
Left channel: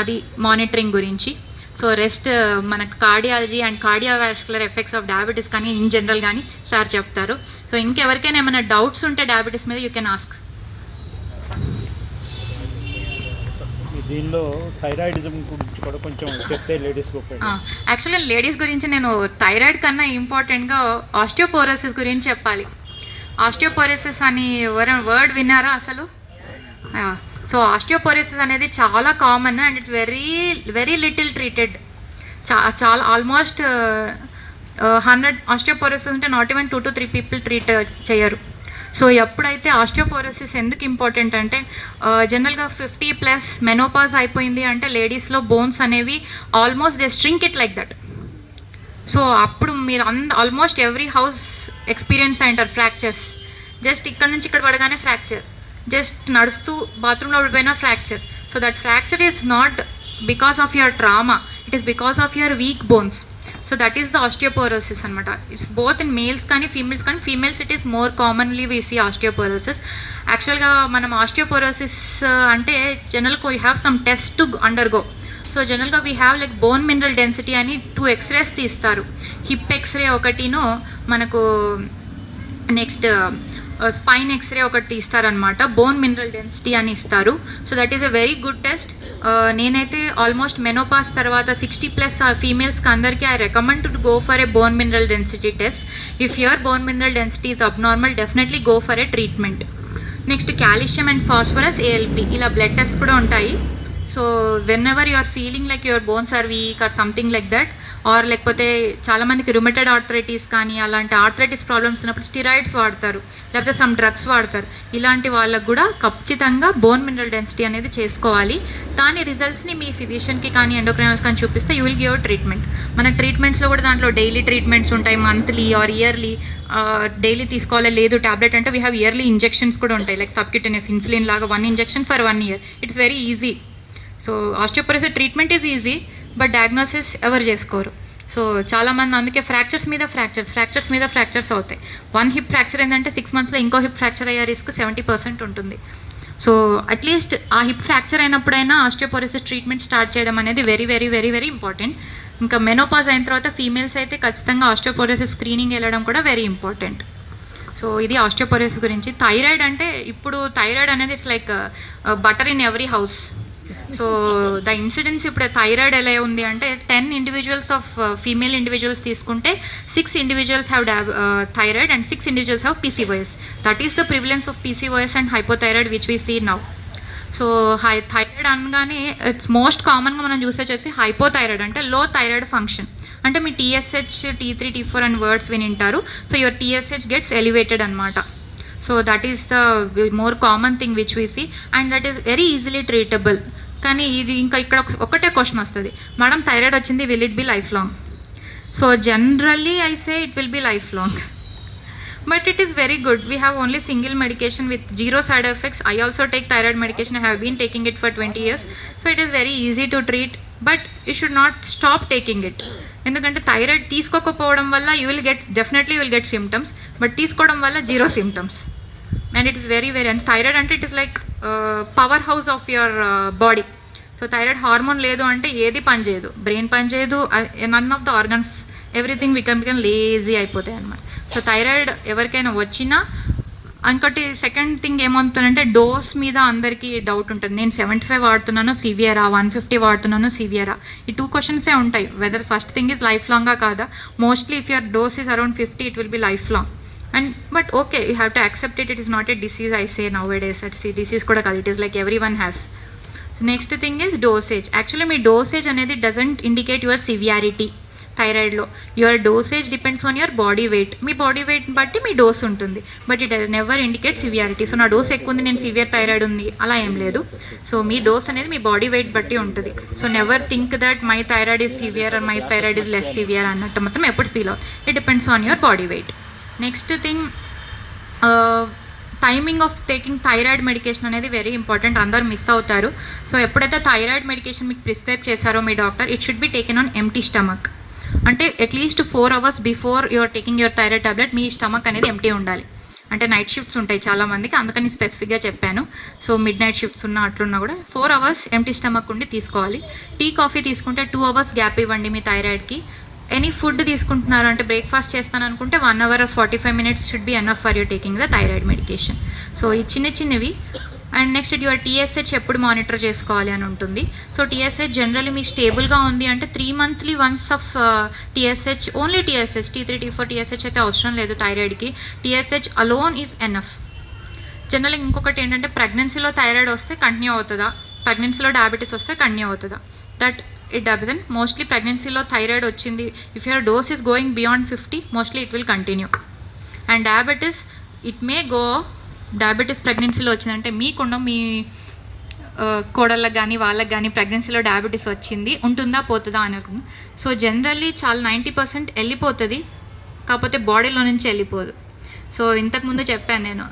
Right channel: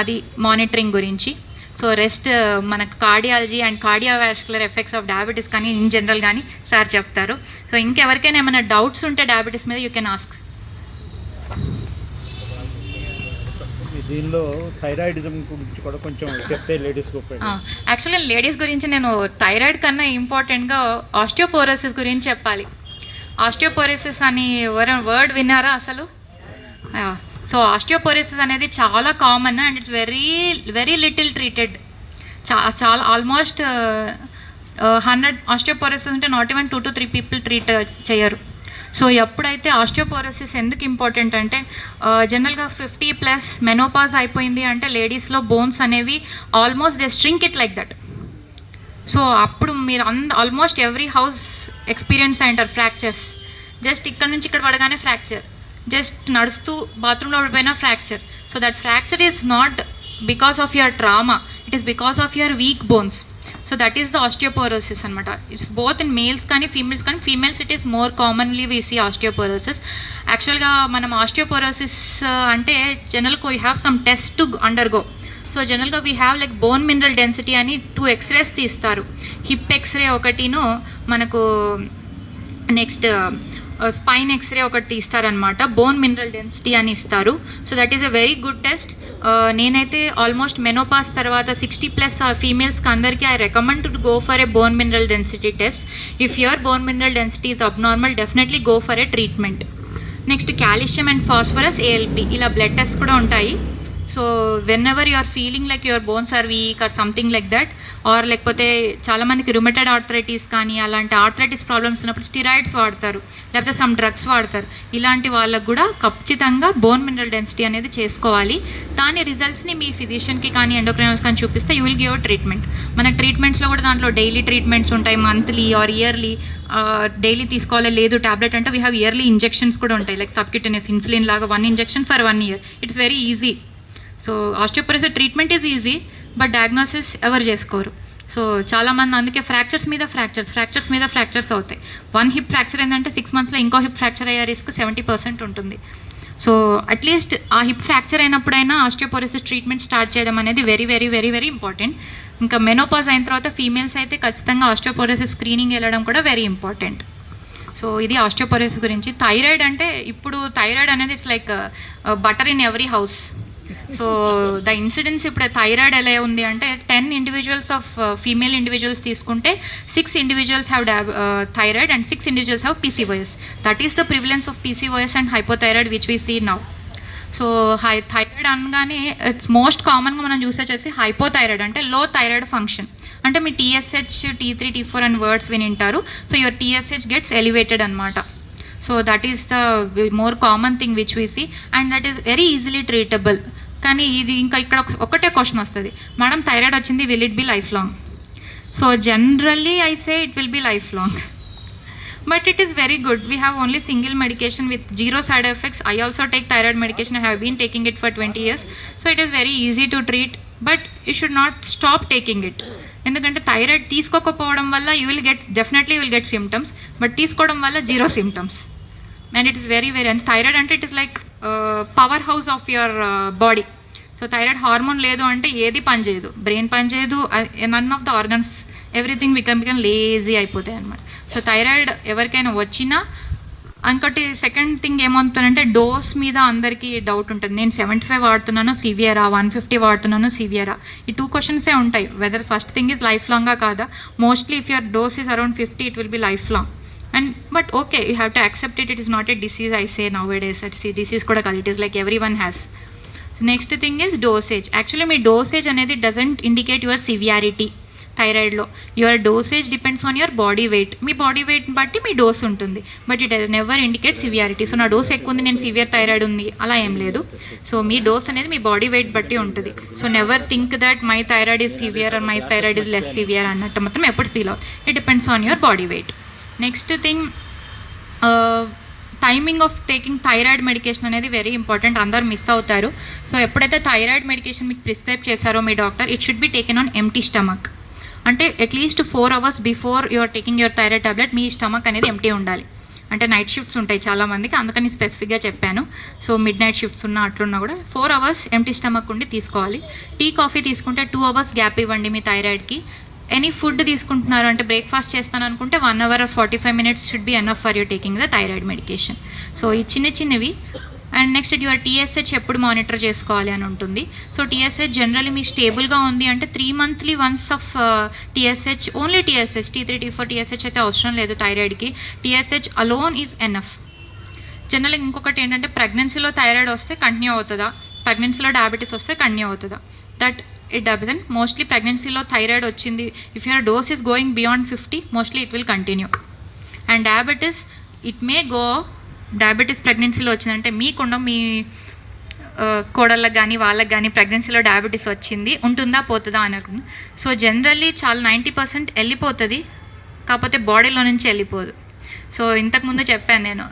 అది మానిటరింగ్ గురించి. సో రెస్ట్ మనకు cardiology and cardiovascular effects of diabetes కానీ ఇన్ జనరల్ కానీ సార్ చెప్తారు. సో ఇంకెవరికైనా ఏమైనా డౌట్స్ ఉంటే డయాబెటీస్ మీద యూ కెన్ ఆస్క్. దీనిలో థైరాయిడిజం గురించి కూడా కొంచెం చెప్తే లేడీస్ యాక్చువల్లీ లేడీస్ గురించి నేను థైరాయిడ్ కన్నా ఇంపార్టెంట్గా ఆస్టియోపోరోసిస్ గురించి చెప్పాలి. ఆస్టియోపోరోసిస్ అని వర్డ్ విన్నారా అసలు? సో ఆస్టియోపోరోసిస్ అనేది చాలా common and it's very very little treated. చాలా ఆల్మోస్ట్ 100 ఆస్టియోపోరోసిస్ ఉంటే not even 2 to 3 people treat చేయరు. సో ఎప్పుడైతే ఆస్టియోపోరోసిస్ ఎందుకు ఇంపార్టెంట్ అంటే జనరల్గా 50+ మెనోపాజ్ అయిపోయింది అంటే లేడీస్లో బోన్స్ అనేవి almost they shrink it like that. So అప్పుడు మీరు ఆల్మోస్ట్ ఎవ్రీ హౌస్ ఎక్స్పీరియన్స్ అయింటారు ఫ్రాక్చర్స్. జస్ట్ ఇక్కడ నుంచి ఇక్కడ పడగానే ఫ్రాక్చర్, జస్ట్ నడుస్తూ బాత్రూంలో పడిపోయినా fracture. So that fracture is not because of your trauma, it is because of your weak bones. So that is the osteoporosis అనమాట. ఇట్స్ బోత్ ఇన్ మేల్స్ కానీ ఫీమేల్స్ కానీ, females it is more commonly we see osteoporosis. యాక్చువల్గా మనం osteoporosis అంటే జనరల్గా you have some test to undergo. So జనరల్గా we have like bone mineral density అని 2 X-rays తీస్తారు. హిప్ ఎక్స్రే ఒకటిను మనకు నెక్స్ట్ స్పైన్ ఎక్స్రే ఒకటి తీస్తారనమాట, బోన్ మినరల్ డెన్సిటీ అని ఇస్తారు. So that is a very good test. నేనైతే ఆల్మోస్ట్ మెనోపాస్ తర్వాత 60+ ఫీమేల్స్కి అందరికీ I recommend to go for a bone mineral density test. If your bone mineral density is abnormal definitely go for a treatment. Next calcium and phosphorus, ALP ఇలా blood test కూడా ఉంటాయి. So whenever you are feeling like your bones are weak or something like that, or లేకపోతే చాలామందికి రుమటెడ్ arthritis కానీ అలాంటి arthritis problems ఉన్నప్పుడు steroids వాడతారు, లేకపోతే సమ్ డ్రగ్స్ వాడతారు. ఇలాంటి వాళ్ళకు కూడా ఖచ్చితంగా బోన్ మినరల్ డెన్సిటీ అనేది చేసుకోవాలి. దాని రిజల్ట్స్ని మీ ఫిజిషియన్కి కానీ ఎండోక్రైనల్స్ కానీ చూపిస్తే యూ విల్ గివ్ ట్రీట్మెంట్. మన ట్రీట్మెంట్స్లో కూడా దాంట్లో డైలీ ట్రీట్మెంట్స్ ఉంటాయి, మంత్లీ ఆర్ ఇయర్లీ. డైలీ తీసుకోవాలి లేదు ట్యాబ్లెట్ అంటే వీ హ్యావ్ ఇయర్లీ ఇంజెక్షన్స్ కూడా ఉంటాయి, లైక్ సబ్క్యూటేనియస్ ఇన్సులిన్ లాగా 1 injection for 1 year. It's very easy. So osteoporosis treatment is easy, but diagnosis ఎవరు చేసుకోరు. సో చాలామంది అందుకే ఫ్రాక్చర్స్ మీద ఫ్రాక్చర్స్ అవుతాయి. 1 hip ఫ్రాక్చర్ ఏంటంటే 6 monthsలో ఇంకో హిప్ ఫ్రాక్చర్ అయ్యే రిస్క్ 70% ఉంటుంది. సో అట్లీస్ట్ ఆ హిప్ ఫ్రాక్చర్ అయినప్పుడైనా ఆస్టియోపోరోసిస్ ట్రీట్మెంట్ స్టార్ట్ చేయడం అనేది very very very very important. ఇంకా మెనోపాజ్ అయిన తర్వాత ఫీమేల్స్ అయితే ఖచ్చితంగా ఆస్టియోపోరోసిస్ స్క్రీనింగ్ వెళ్ళడం కూడా వెరీ ఇంపార్టెంట్. సో ఇది ఆస్టియోపోరోసిస్ గురించి. థైరాయిడ్ అంటే ఇప్పుడు థైరాయిడ్ అనేది it's like butter in every house. So the incidence ఇప్పుడు థైరాయిడ్ ఎలా ఉంది అంటే 10 individuals ఆఫ్ ఫీమేల్ ఇండివిజువల్స్ తీసుకుంటే 6 individuals have thyroid and 6 individuals have PCOS. That is the prevalence of PCOS and hypothyroid which we see now. So thyroid అనగానే it's most కామన్గా మనం చూసి వచ్చేసి హైపోథైరాయిడ్ అంటే లో థైరాయిడ్ ఫంక్షన్. అంటే మీ TSH, T3, T4 అని వర్డ్స్ వినింటారు. So your TSH gets elevated అనమాట. So that is the more common thing which we see and that is very easily treatable. కానీ ఇది ఇంకా ఇక్కడ ఒకటే క్వశ్చన్ వస్తుంది, మేడం థైరాయిడ్ వచ్చింది, will it be life long? So generally I say it will be life long. But it is very good. We have only single medication with zero side effects. I also take thyroid medication. I have been taking it for 20 years. So it is very easy to treat. But you should not stop taking it. ఎందుకంటే thyroid తీసుకోకపోవడం వల్ల definitely will get symptoms, but తీసుకోవడం వల్ల zero symptoms. And it is very and thyroid అంటే it is like power house of your body. So thyroid hormone లేదు అంటే ఏది పనిచేయదు, బ్రెయిన్ పనిచేయదు, none of the organs everything become lazy అయిపోతాయి అన్నమాట. సో థైరాయిడ్ ఎవరికైనా వచ్చినా ఇంకోటి సెకండ్ థింగ్ ఏమవుతుందంటే డోస్ మీద అందరికీ డౌట్ ఉంటుంది. నేను 75 వాడుతున్నాను సివియరా, 150 వాడుతున్నాను సివియరా, ఈ 2 క్వశ్చన్సే ఉంటాయి. Whether first thing is life లాంగా కాదా. Mostly if your dose is around 50 it will be life long. And but okay, you have to accept it. It is not a disease I say nowadays. Disease కూడా కాదు, it is like every one has. Next thing is dosage. Actually మీ dosage అనేది doesn't indicate your severity. థైరాయిడ్లో your dosage depends on your body weight. Me body weight బట్టి మీ dose ఉంటుంది, but it never indicate severity. So నా dose ఎక్కువ ఉంది, నేను severe thyroid ఉంది, అలా ఏం లేదు. సో మీ డోస్ అనేది మీ బాడీ వెయిట్ బట్టి ఉంటుంది. So never think that my thyroid is severe or my thyroid is less severe అన్నట్టు మాత్రం ఎప్పుడు ఫీల్ అవుతుంది. It depends on your body weight. Next thing, timing of taking thyroid medication అనేది very important. అందరు miss అవుతారు. So ఎప్పుడైతే thyroid medication మీకు prescribe చేశారో మీ doctor, it should be taken on empty stomach. అంటే at least 4 hours before your taking your thyroid tablet మీ stomach అనేది ఎంప్టీ ఉండాలి. అంటే నైట్ షిఫ్ట్స్ ఉంటాయి చాలామందికి, అందుకని స్పెసిఫిక్గా చెప్పాను. సో మిడ్ నైట్ షిఫ్ట్స్ ఉన్నా అట్లున్నా కూడా 4 hours ఎంప్టీ స్టమక్ ఉండి తీసుకోవాలి. టీ కాఫీ తీసుకుంటే 2 hours గ్యాప్ ఇవ్వండి మీ థైరాయిడ్కి. ఎనీ ఫుడ్ తీసుకుంటున్నారు అంటే బ్రేక్ఫాస్ట్ చేస్తాను అనుకుంటే 1 hour or 45 minutes should be enough for you taking the thyroid medication. So ఈ చిన్నవి. అండ్ నెక్స్ట్ యువర్ TSH ఎప్పుడు మానిటర్ చేసుకోవాలి అని ఉంటుంది. సో TSH జనరల్లీ మీ స్టేబుల్గా ఉంది అంటే 3 monthly once of TSH, only TSH, T3, T4 TSH అయితే అవసరం లేదు థైరాయిడ్కి. TSH alone is enough. జనరల్గా ఇంకొకటి ఏంటంటే ప్రెగ్నెన్సీలో థైరాయిడ్ వస్తే కంటిన్యూ అవుతుందా, ప్రెగ్నెన్సీలో డయాబెటీస్ వస్తే కంటిన్యూ అవుతుందా? That it doesn't. మోస్ట్లీ ప్రెగ్నెన్సీలో థైరాయిడ్ వచ్చింది, if your dose is going beyond 50, mostly it will continue. And diabetes it may go. Diabetes ప్రెగ్నెన్సీలో వచ్చిందంటే మీకుండా మీ కోడళ్ళకి కానీ వాళ్ళకి కానీ ప్రెగ్నెన్సీలో డయాబెటీస్ వచ్చింది, ఉంటుందా పోతుందా అని అనుకున్నాను. సో జనరల్లీ చాలా 90% వెళ్ళిపోతుంది, కాకపోతే బాడీలో నుంచి వెళ్ళిపోదు. సో ఇంతకుముందు చెప్పాను నేను,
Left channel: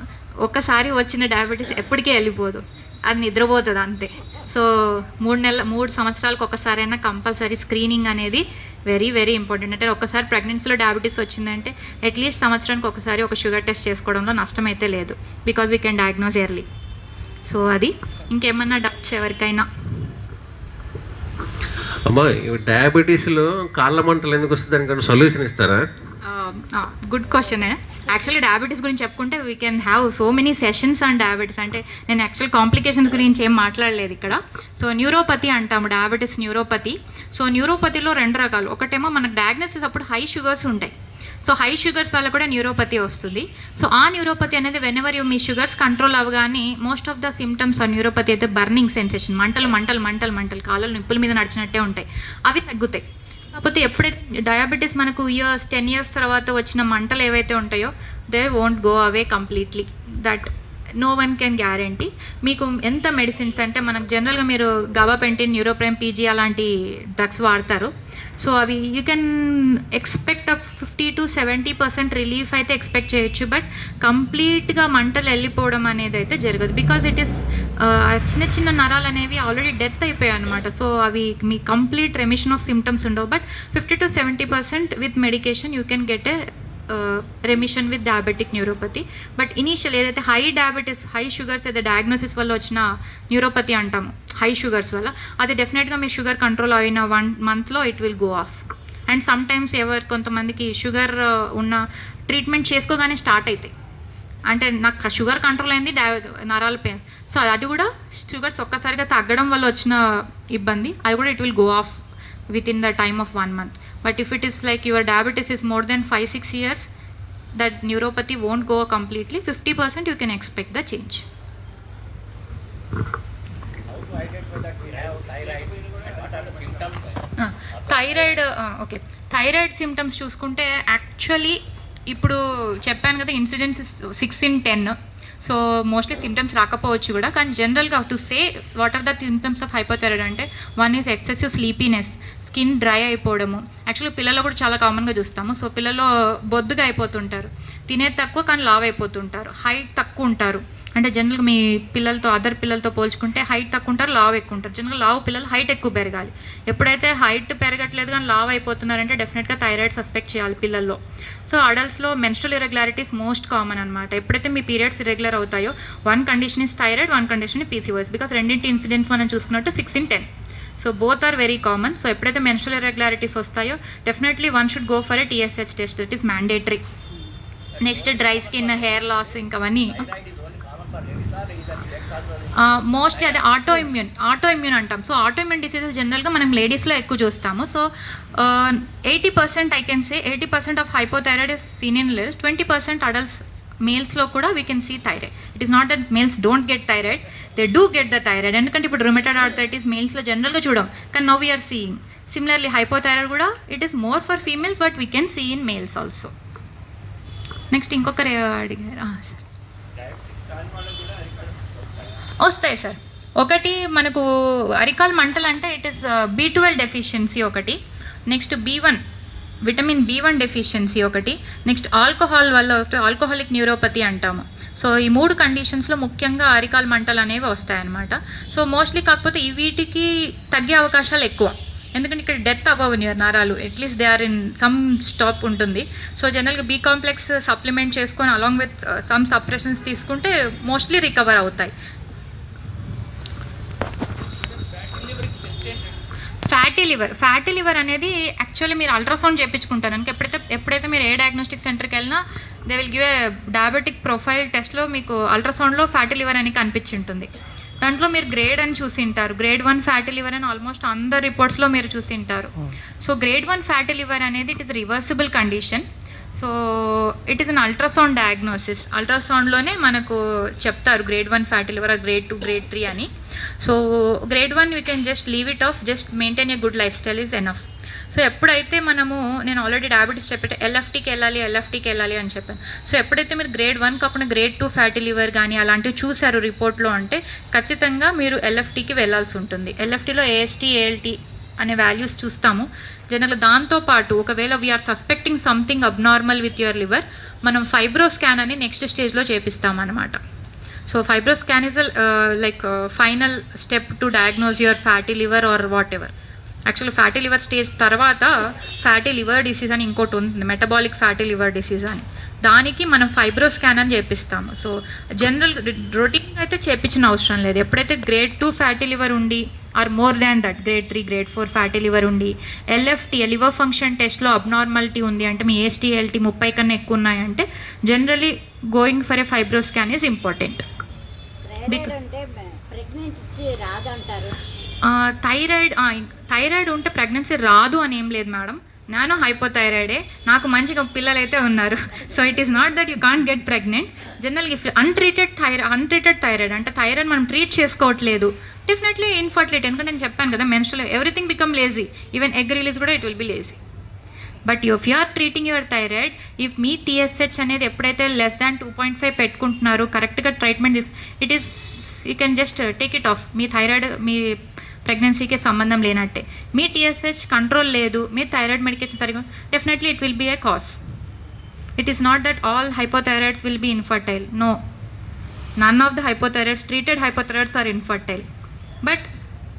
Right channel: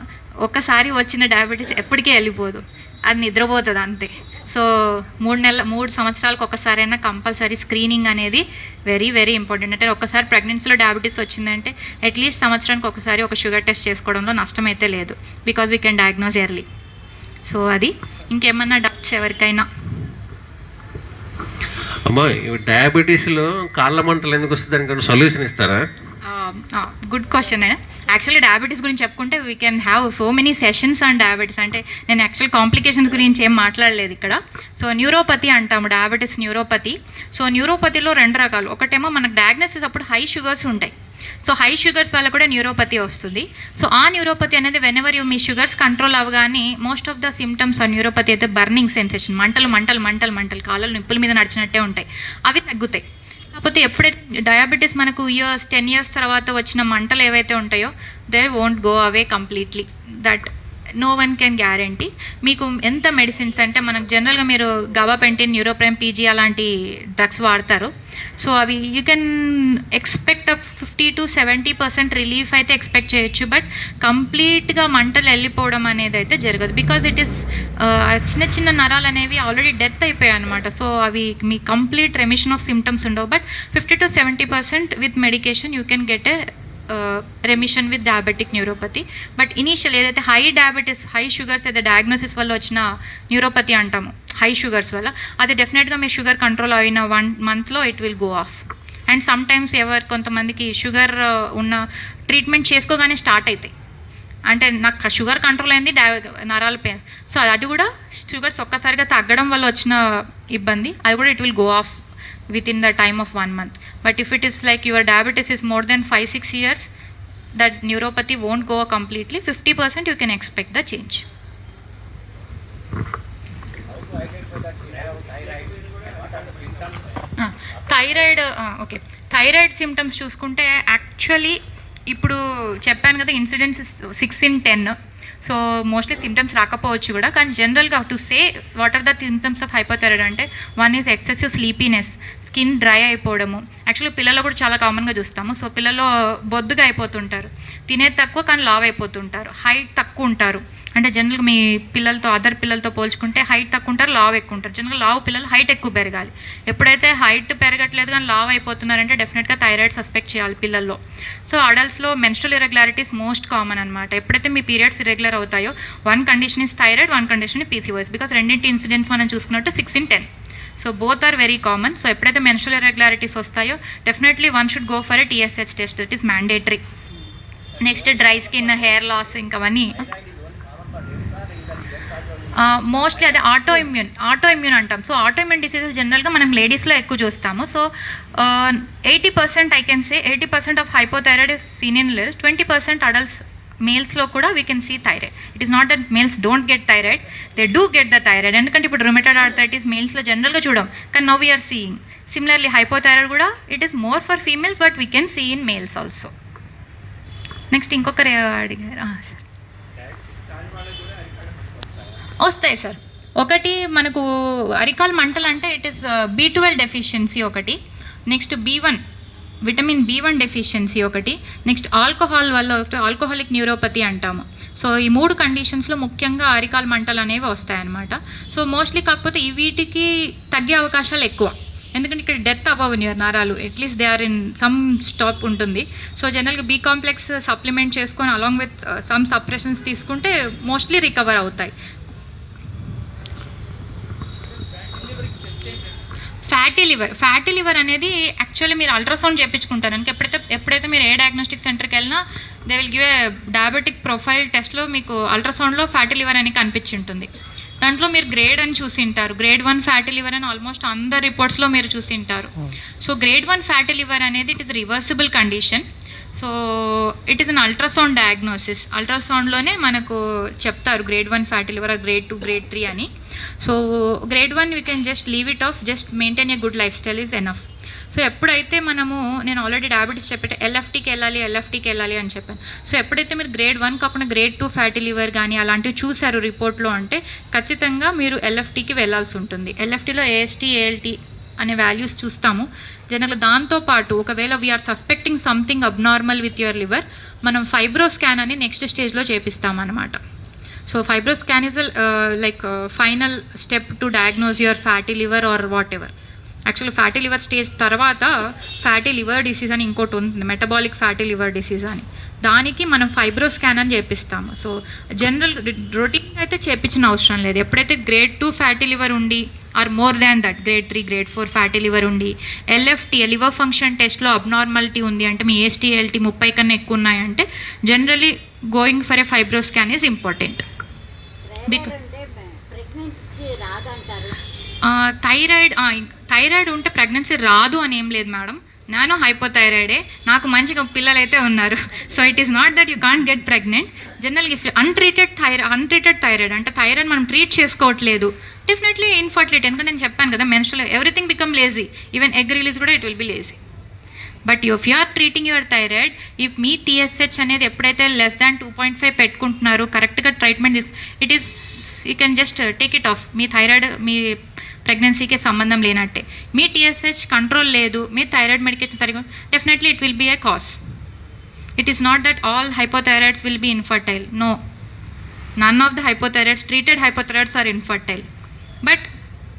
ఒక్కసారి వచ్చిన డయాబెటీస్ ఎప్పటికీ వెళ్ళిపోదు, అది నిద్రపోతుంది అంతే. సో 3 సంవత్సరాలకు ఒకసారైనా కంపల్సరీ స్క్రీనింగ్ అనేది వెరీ ఇంపార్టెంట్. అంటే ఒకసారి ప్రెగ్నెన్సీలో డయాబెటీస్ వచ్చిందంటే అట్లీస్ట్ సంవత్సరానికి ఒకసారి ఒక షుగర్ టెస్ట్ చేసుకోవడంలో నష్టం అయితే లేదు, because we can diagnose early. So అది. ఇంకేమన్నా డౌట్స్ ఎవరికైనా? అమ్మా, డయాబెటీస్లో కాళ్ళ మంటలు ఎందుకు వస్తుంది, దానికన్నా సొల్యూషన్ ఇస్తారా? Good question. యాక్చువల్లీ డయాబెటీస్ గురించి చెప్పుకుంటే we can have so many sessions on diabetes. అంటే నేను యాక్చువల్ కాంప్లికేషన్స్ గురించి ఏం మాట్లాడలేదు ఇక్కడ. సో న్యూరోపతి అంటాము, డయాబెటీస్ న్యూరోపతి. సో న్యూరోపతిలో 2 రకాలు. ఒకటేమో మనకు డయాగ్నోసిస్ అప్పుడు హై షుగర్స్ ఉంటాయి. సో హై షుగర్స్ వల్ల కూడా న్యూరోపతి వస్తుంది. సో ఆ న్యూరోపతి అనేది whenever you me sugars control అవ్వగానే మోస్ట్ ఆఫ్ ద సిమ్టమ్స్ ఆ న్యూరోపతి అయితే బర్నింగ్ సెన్సేషన్, మంటలు కాళ్ళలు నిప్పుల మీద నడిచినట్టే ఉంటాయి, అవి తగ్గుతాయి. కాకపోతే ఎప్పుడైతే డయాబెటీస్ మనకు 10 years తర్వాత వచ్చిన మంటలు ఏవైతే ఉంటాయో they won't go away completely. That no one can guarantee. మీకు ఎంత మెడిసిన్స్ అంటే మనకు జనరల్గా మీరు గాబాపెంటిన్, న్యూరోప్రైమ్, PG అలాంటి డ్రగ్స్ వాడతారు. సో అవి you can expect 50 to 70% relief అయితే ఎక్స్పెక్ట్ చేయొచ్చు, బట్ కంప్లీట్గా మంటలు వెళ్ళిపోవడం అనేది అయితే జరగదు. బికాజ్ ఇట్ ఈస్ చిన్న నరాలు అనేవి ఆల్రెడీ డెత్ అయిపోయాయి అనమాట. సో అవి మీ కంప్లీట్ రెమిషన్ ఆఫ్ సిమ్టమ్స్ ఉండవు, but 50 to 70% with medication you can get a remission with diabetic neuropathy. But initial ఏదైతే హై డయాబెటీస్, హై షుగర్స్ అయితే డయాగ్నోసిస్ వల్ల వచ్చిన న్యూరోపతి అంటాము, హై షుగర్స్ వల్ల, అది డెఫినెట్గా మీ షుగర్ కంట్రోల్ అయిన 1 monthలో it will go off. And sometimes కొంతమందికి షుగర్ ఉన్న ట్రీట్మెంట్ చేసుకోగానే స్టార్ట్ అవుతాయి. అంటే నాకు షుగర్ కంట్రోల్ అయింది, నరాల పెయిన్. సో అది కూడా షుగర్స్ ఒక్కసారిగా తగ్గడం వల్ల వచ్చిన ఇబ్బంది, అది కూడా it will go of within the time of 1 month. But if it is like your diabetes is more than 5-6 years, that neuropathy won't go completely. 50% you can expect the change. Thyroid okay, thyroid symptoms చూసుకుంటే actually ఇప్పుడు చెప్పాను కదా, incidence 6 in 10. So mostly symptoms రాకపోవచ్చు కూడా, కానీ జనరల్గా to say what are the symptoms of hypothyroid అంటే, 1 is excessive sleepiness, skin dry అయిపోవడము. యాక్చువల్లీ పిల్లల్లో కూడా చాలా కామన్గా చూస్తాము. సో పిల్లల్లో బొద్దుగా అయిపోతుంటారు, తినేది తక్కువ కానీ లావ్ అయిపోతుంటారు, హైట్ తక్కువ ఉంటారు. అంటే జనరల్గా మీ పిల్లలతో అదర్ పిల్లలతో పోల్చుకుంటే హైట్ తక్కువ ఉంటారు, లావ్ ఎక్కువ ఉంటారు. జనరల్గా లావ్ పిల్లలు హైట్ ఎక్కువ పెరగాలి. ఎప్పుడైతే హైట్ పెరగట్లేదు కానీ లావ్ అయిపోతున్నారంటే డెఫినెట్గా థైరాయిడ్ సస్పెక్ట్ చేయాలి పిల్లల్లో. సో అడల్ట్స్లో మెన్స్ట్రల్ ఇర్రెగ్యులారిటీస్ మోస్ట్ కామన్ అనమాట. ఎప్పుడైతే మీ పీరియడ్స్ ఇర్రెగ్యులర్ అవుతాయో, 1 condition is thyroid, 1 condition PCOS. Because రెండింటి ఇన్సిడెంట్స్ మనం చూసుకున్నట్టు 6 in 10. So both are very common. So ఎప్పుడైతే మెన్స్ట్రల్ ఇర్రెగ్యులారిటీస్ వస్తాయో definitely one should go for a TSH test, that is mandatory. Next dry skin, hair loss, ఇంకవన్నీ mostly అది autoimmune అంటాం. So autoimmune diseases జనరల్గా మనం లేడీస్లో ఎక్కువ చూస్తాము. So 80% I can say 80% of hypothyroid is seen in ladies. 20% adults మేల్స్లో కూడా we can see thyroid. It is not that males don't get thyroid, they do get the thyroid. ఎందుకంటే ఇప్పుడు rheumatoid arthritis మేల్స్లో జనరల్గా చూడం, కానీ now we are seeing. Similarly hypothyroid కూడా it is more for females, but we can see in males also. Next ఇంకొకరు అడిగారు sir. వస్తాయి సార్. ఒకటి మనకు అరికాల్ మంటలు అంటే ఇట్ ఈస్ B12 డెఫిషియన్సీ ఒకటి, నెక్స్ట్ విటమిన్ B1 డెఫిషియన్సీ ఒకటి, నెక్స్ట్ ఆల్కహాల్ వల్ల ఆల్కహాలిక్ న్యూరోపతి అంటాము. సో ఈ 3 కండిషన్స్లో ముఖ్యంగా అరికాల్ మంటలు అనేవి వస్తాయన్నమాట. సో మోస్ట్లీ కాకపోతే వీటికి తగ్గే అవకాశాలు ఎక్కువ, ఎందుకంటే ఇక్కడ డెత్ అవ్వవు నరాలు, at least they are in some stop ఉంటుంది. సో జనరల్గా B కాంప్లెక్స్ సప్లిమెంట్ చేసుకొని అలాంగ్ విత్ సమ్ సప్రెషన్స్ తీసుకుంటే మోస్ట్లీ రికవర్ అవుతాయి. ఫ్యాటీ లివర్ అనేది యాక్చువల్లీ మీరు అల్ట్రాసౌండ్ చేయించుకుంటారు. ఎప్పుడైతే మీరు ఏ డయాగ్నోస్టిక్ సెంటర్కి వెళ్ళినా they will give a diabetic profile టెస్ట్లో మీకు అల్ట్రాసౌండ్లో ఫ్యాటీ లివర్ అని కనిపించి ఉంటుంది. దాంట్లో మీరు గ్రేడ్ అని చూసింటారు, గ్రేడ్ 1 ఫ్యాటీ లివర్ అని ఆల్మోస్ట్ అందరు రిపోర్ట్స్లో మీరు చూసింటారు. సో గ్రేడ్ 1 ఫ్యాటీ లివర్ అనేది it is reversible condition. So it is an ultrasound diagnosis. అల్ట్రాసౌండ్లోనే మనకు చెప్తారు grade 1 fatty liver, grade 2, grade 3 అని. So grade 1 we can just leave it off, just maintain a good lifestyle is enough. So ఎప్పుడైతే నేను already diabetes చెప్పేట ఎల్ఎఫ్టీకి వెళ్ళాలి అని చెప్పాను. So ఎప్పుడైతే మీరు గ్రేడ్ 1 కాకుండా గ్రేడ్ 2 ఫ్యాటీ లివర్ కానీ అలాంటివి చూసారు రిపోర్ట్లో అంటే ఖచ్చితంగా మీరు ఎల్ఎఫ్టీకి వెళ్ళాల్సి ఉంటుంది. ఎల్ఎఫ్టీలో AST, ALT అనే వాల్యూస్ చూస్తాము జనరల్గా. దాంతోపాటు ఒకవేళ we are suspecting something abnormal with your liver, మనం ఫైబ్రో స్కాన్ అని నెక్స్ట్ స్టేజ్లో చేపిస్తామన్నమాట. So fibro scan is like final step to diagnose your fatty liver or whatever. Actually fatty liver stage తర్వాత ఫ్యాటీ లివర్ డిసీజ్ అని ఇంకోటి ఉంటుంది, metabolic fatty liver disease అని. దానికి మనం ఫైబ్రో స్కాన్ అని చేపిస్తాము. సో జనరల్ రొటీన్ అయితే చేపించిన అవసరం లేదు. ఎప్పుడైతే గ్రేడ్ 2 ఫ్యాటీ లివర్ ఉండి or more than that grade 3, grade 4 fatty liver ఉండి LFT లివర్ ఫంక్షన్ టెస్ట్లో అబ్నార్మాలిటీ ఉంది అంటే, మీ AST, ALT 30 కన్నా ఎక్కువ ఉన్నాయంటే generally going for a fibro scan is important. Thyroid ఉంటే ప్రెగ్నెన్సీ రాదు అని ఏం లేదు మేడం. నేను హైపోథైరాయిడే, నాకు మంచిగా పిల్లలైతే ఉన్నారు. So it is not that you can't get pregnant. జనరల్గా ఇఫ్ అన్ట్రీటెడ్ థైరాయిడ్ అంటే థైరాయిడ్ మనం ట్రీట్ చేసుకోవట్లేదు, డెఫినెట్లీ ఇన్ఫర్టిలిటీ. ఎందుకంటే నేను చెప్పాను కదా, menstrual everything become lazy, even egg release కూడా it will be lazy. But if you are treating your thyroid, if మీ TSH అనేది ఎప్పుడైతే లెస్ దాన్ 2.5 పెట్టుకుంటున్నారు, కరెక్ట్గా treatment it is you can just take it off. మీ thyroid మీ ప్రెగ్నెన్సీకి సంబంధం లేనట్టే. మీ TSH కంట్రోల్ లేదు, మీరు థైరాయిడ్ మెడికేషన్ సరిగా, definitely it will be a cause. It is not that all hypothyroids will be infertile. No, none of the hypothyroids, treated hypothyroids are infertile. But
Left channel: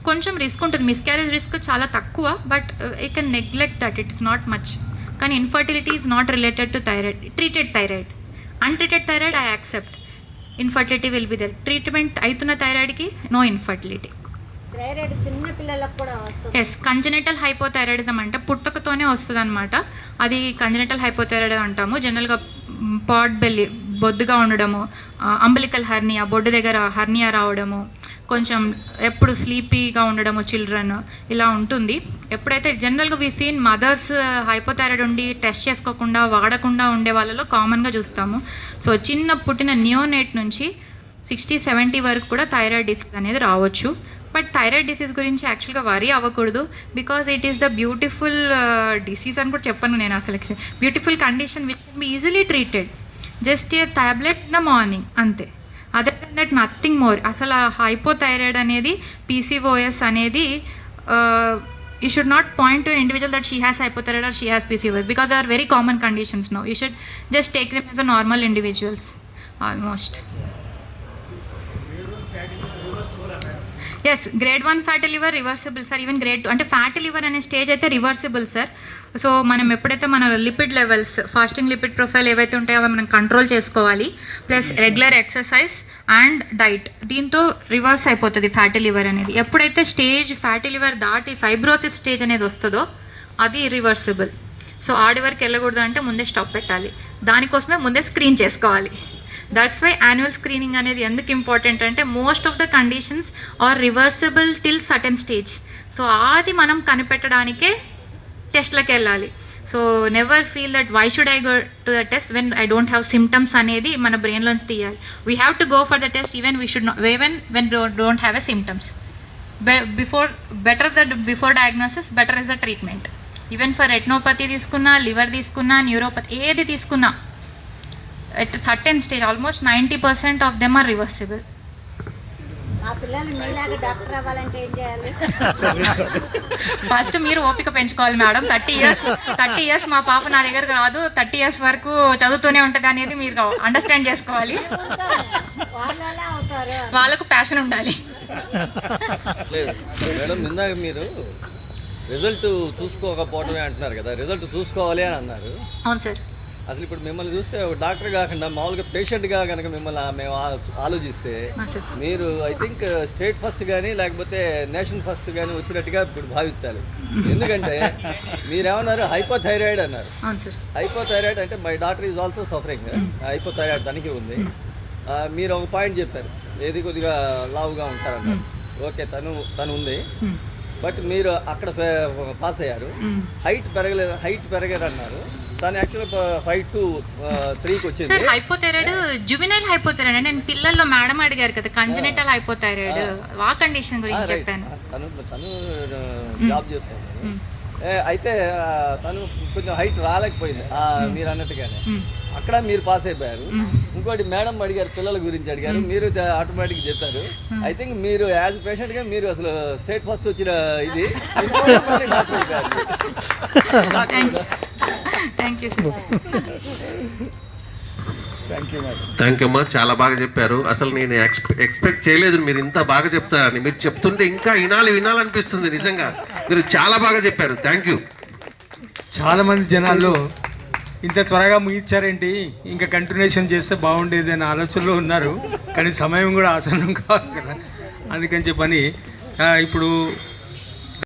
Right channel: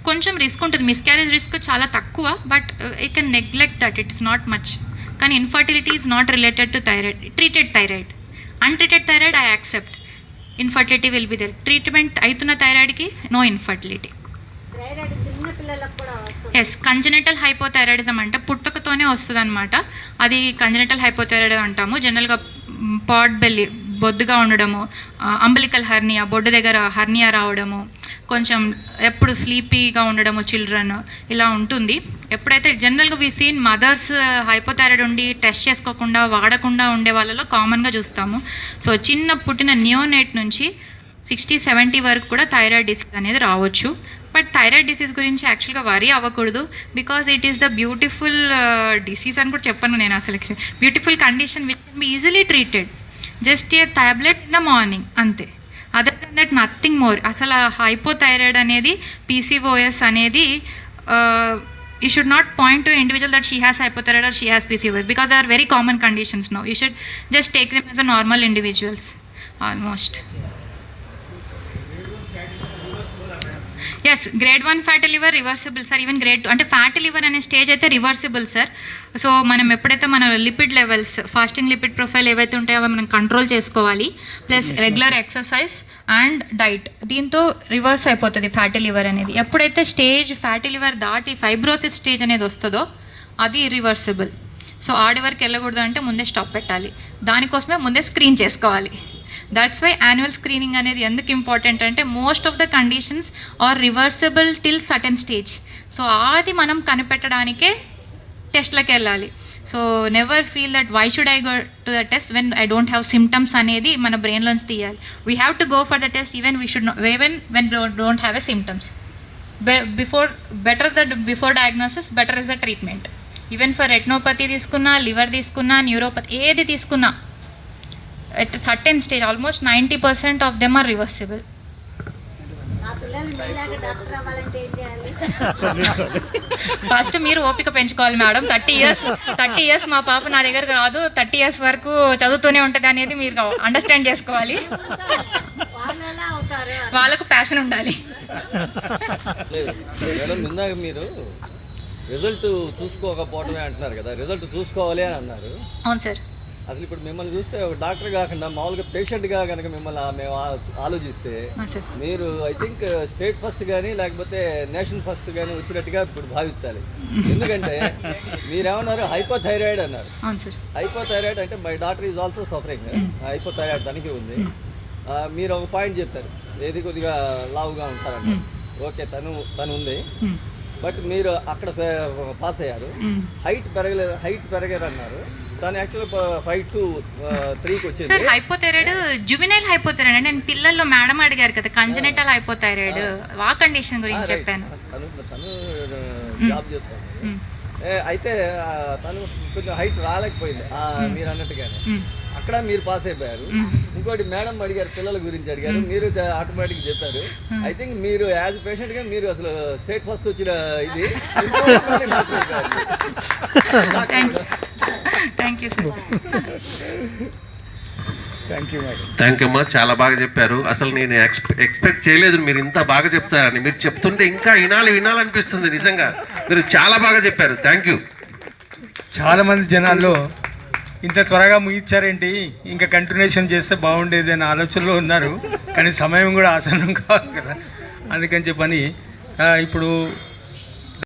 కొంచెం risk ఉంటుంది, miscarriage risk చాలా తక్కువ, but you can neglect that, it is not much. కానీ infertility is not related to thyroid. Treated thyroid, untreated thyroid I accept, infertility will be there. Treatment అవుతున్న థైరాయిడ్కి no infertility. Yes, congenital hypothyroidism అంటే పుట్టుకతోనే వస్తుంది అనమాట. అది congenital hypothyroid అంటాము. జనరల్గా pot belly, బొద్దుగా ఉండడము, అంబలికల్ హర్నియా, బొడ్డు దగ్గర హర్నియా రావడము, కొంచెం ఎప్పుడు స్లీపీగా ఉండడము చిల్డ్రన్, ఇలా ఉంటుంది. ఎప్పుడైతే జనరల్గా వీ సీన్ మదర్స్ హైపోథైరాయిడ్ ఉండి టెస్ట్ చేసుకోకుండా వాడకుండా ఉండే వాళ్ళలో కామన్గా చూస్తాము. సో చిన్న పుట్టిన నియోనేట్ నుంచి 60-70 వరకు కూడా థైరాయిడ్ డిసీజ్ అనేది రావచ్చు. బట్ బట్ థైరాయిడ్ డిసీజ్ గురించి యాక్చువల్గా వరీ అవ్వకూడదు, because it is the beautiful disease అని కూడా చెప్పను నేను అసలు. Beautiful condition which can be easily treated, just a tablet in the morning అంతే. Other than that nothing more. అసలు హైపోథైరాయిడ్ అనేది, పీసీఓఎస్ అనేది, you should not point to an individual that she has hypothyroid or she has PCOS, because they are very common conditions now. You should just take them as a normal individuals almost. Yes, grade 1 fatty liver reversible sir, even grade 2 అంటే fatty liver అనే stage అయితే reversible sir. So మనం ఎప్పుడైతే మన lipid levels, fasting lipid profile ఏవైతే ఉంటాయో అవి మనం కంట్రోల్ చేసుకోవాలి, plus regular exercise and diet, దీంతో రివర్స్ అయిపోతుంది ఫ్యాటీ లివర్ అనేది. ఎప్పుడైతే స్టేజ్ ఫ్యాటీ లివర్ దాటి ఫైబ్రోసిస్ స్టేజ్ అనేది వస్తుందో అది రివర్సిబుల్. సో ఆడి వరకు వెళ్ళకూడదు అంటే ముందే స్టాప్ పెట్టాలి, దానికోసమే ముందే స్క్రీన్ చేసుకోవాలి. దట్స్ వై యాన్యువల్ స్క్రీనింగ్ అనేది ఎందుకు ఇంపార్టెంట్ అంటే most of the conditions are reversible till certain stage. So అది మనం కనిపెట్టడానికే టెస్ట్లకు వెళ్ళాలి. So never feel that why should I go to the test when I don't have symptoms అనేది మన బ్రెయిన్లోంచి తీయాలి. We have to go for the test even we should even when don't have a symptoms. Before diagnosis better is the treatment. Even for retinopathy తీసుకున్నా, liver తీసుకున్నా, neuropathy ఏది తీసుకున్నా at a certain stage almost 90% of them are reversible. First మీరు ఓపిక పెంచుకోవాలి madam. 30 years మా పాప నా దగ్గర రాదు, 30 years వరకు చదువుతూనే ఉంటుంది అనేది మీరు అండర్స్టాండ్ చేసుకోవాలి. వాళ్ళకు ప్యాషన్ ఉండాలి. మేడం ఇందాక మీరు రిజల్ట్ చూసుకోకపోవడమే అంటున్నారు కదా, రిజల్ట్ చూసుకోవాలి అని అన్నారు. అవును సార్. అసలు ఇప్పుడు మిమ్మల్ని చూస్తే ఒక డాక్టర్ కాకుండా మామూలుగా పేషెంట్గా కనుక మిమ్మల్ని మేము ఆలోచిస్తే మీరు ఐ థింక్ స్టేట్ ఫస్ట్ కానీ లేకపోతే నేషన్ ఫస్ట్ కానీ వచ్చినట్టుగా ఇప్పుడు భావించాలి. ఎందుకంటే మీరేమన్నారు హైపోథైరాయిడ్ అన్నారు. హైపోథైరాయిడ్ అంటే my doctor is also suffering, hypothyroid తనకి ఉంది. మీరు ఒక పాయింట్ చెప్పారు, ఏది కొద్దిగా లావుగా ఉంటారన్నారు. ఓకే, తను ఉంది, బట్ మీరు అక్కడ పాస్ అయ్యారు. హైట్ పెరగలేదు అన్నారు. తను యాక్చువల్గా 5 to 3కి వచ్చింది. సార్ హైపోథైరాయిడ్ జువెనైల్ హైపోథైరాయిడ్ అంటే నేను పిల్లల్లో మేడం అడిగారు కదా, కంజెనిటల్ హైపోథైరాయిడ్ ఆ కండిషన్ గురించి చెప్పాను. తను జాబ్ చేస్తాను. అయితే తను కొంచెం హైట్ రాలేకపోయింది మీరు అన్నట్టుగానే. అక్కడ మీరు పాస్ అయిపోయారు. ఇంకోటి మేడం అడిగారు, పిల్లల గురించి అడిగారు, మీరు ఆటోమేటిక్ చెప్పారు. ఐ థింక్ మీరు యాజ్ పేషెంట్ గా మీరు అసలు స్టేట్ ఫస్ట్ వచ్చిన ఇది. థ్యాంక్ యూ అమ్మా, చాలా బాగా చెప్పారు. అసలు నేను ఎక్స్పెక్ట్ చేయలేదు మీరు ఇంత బాగా చెప్తారని. మీరు చెప్తుంటే ఇంకా వినాలనిపిస్తుంది. నిజంగా మీరు చాలా బాగా చెప్పారు. Thank you. చాలామంది జనాల్లో ఇంత త్వరగా ముగించారేంటి, ఇంకా కంటిన్యూషన్ చేస్తే బాగుండేది అనే ఆలోచనలో ఉన్నారు. కానీ సమయం కూడా ఆసన్నం కావాలి కదా, అందుకని చెప్పని ఇప్పుడు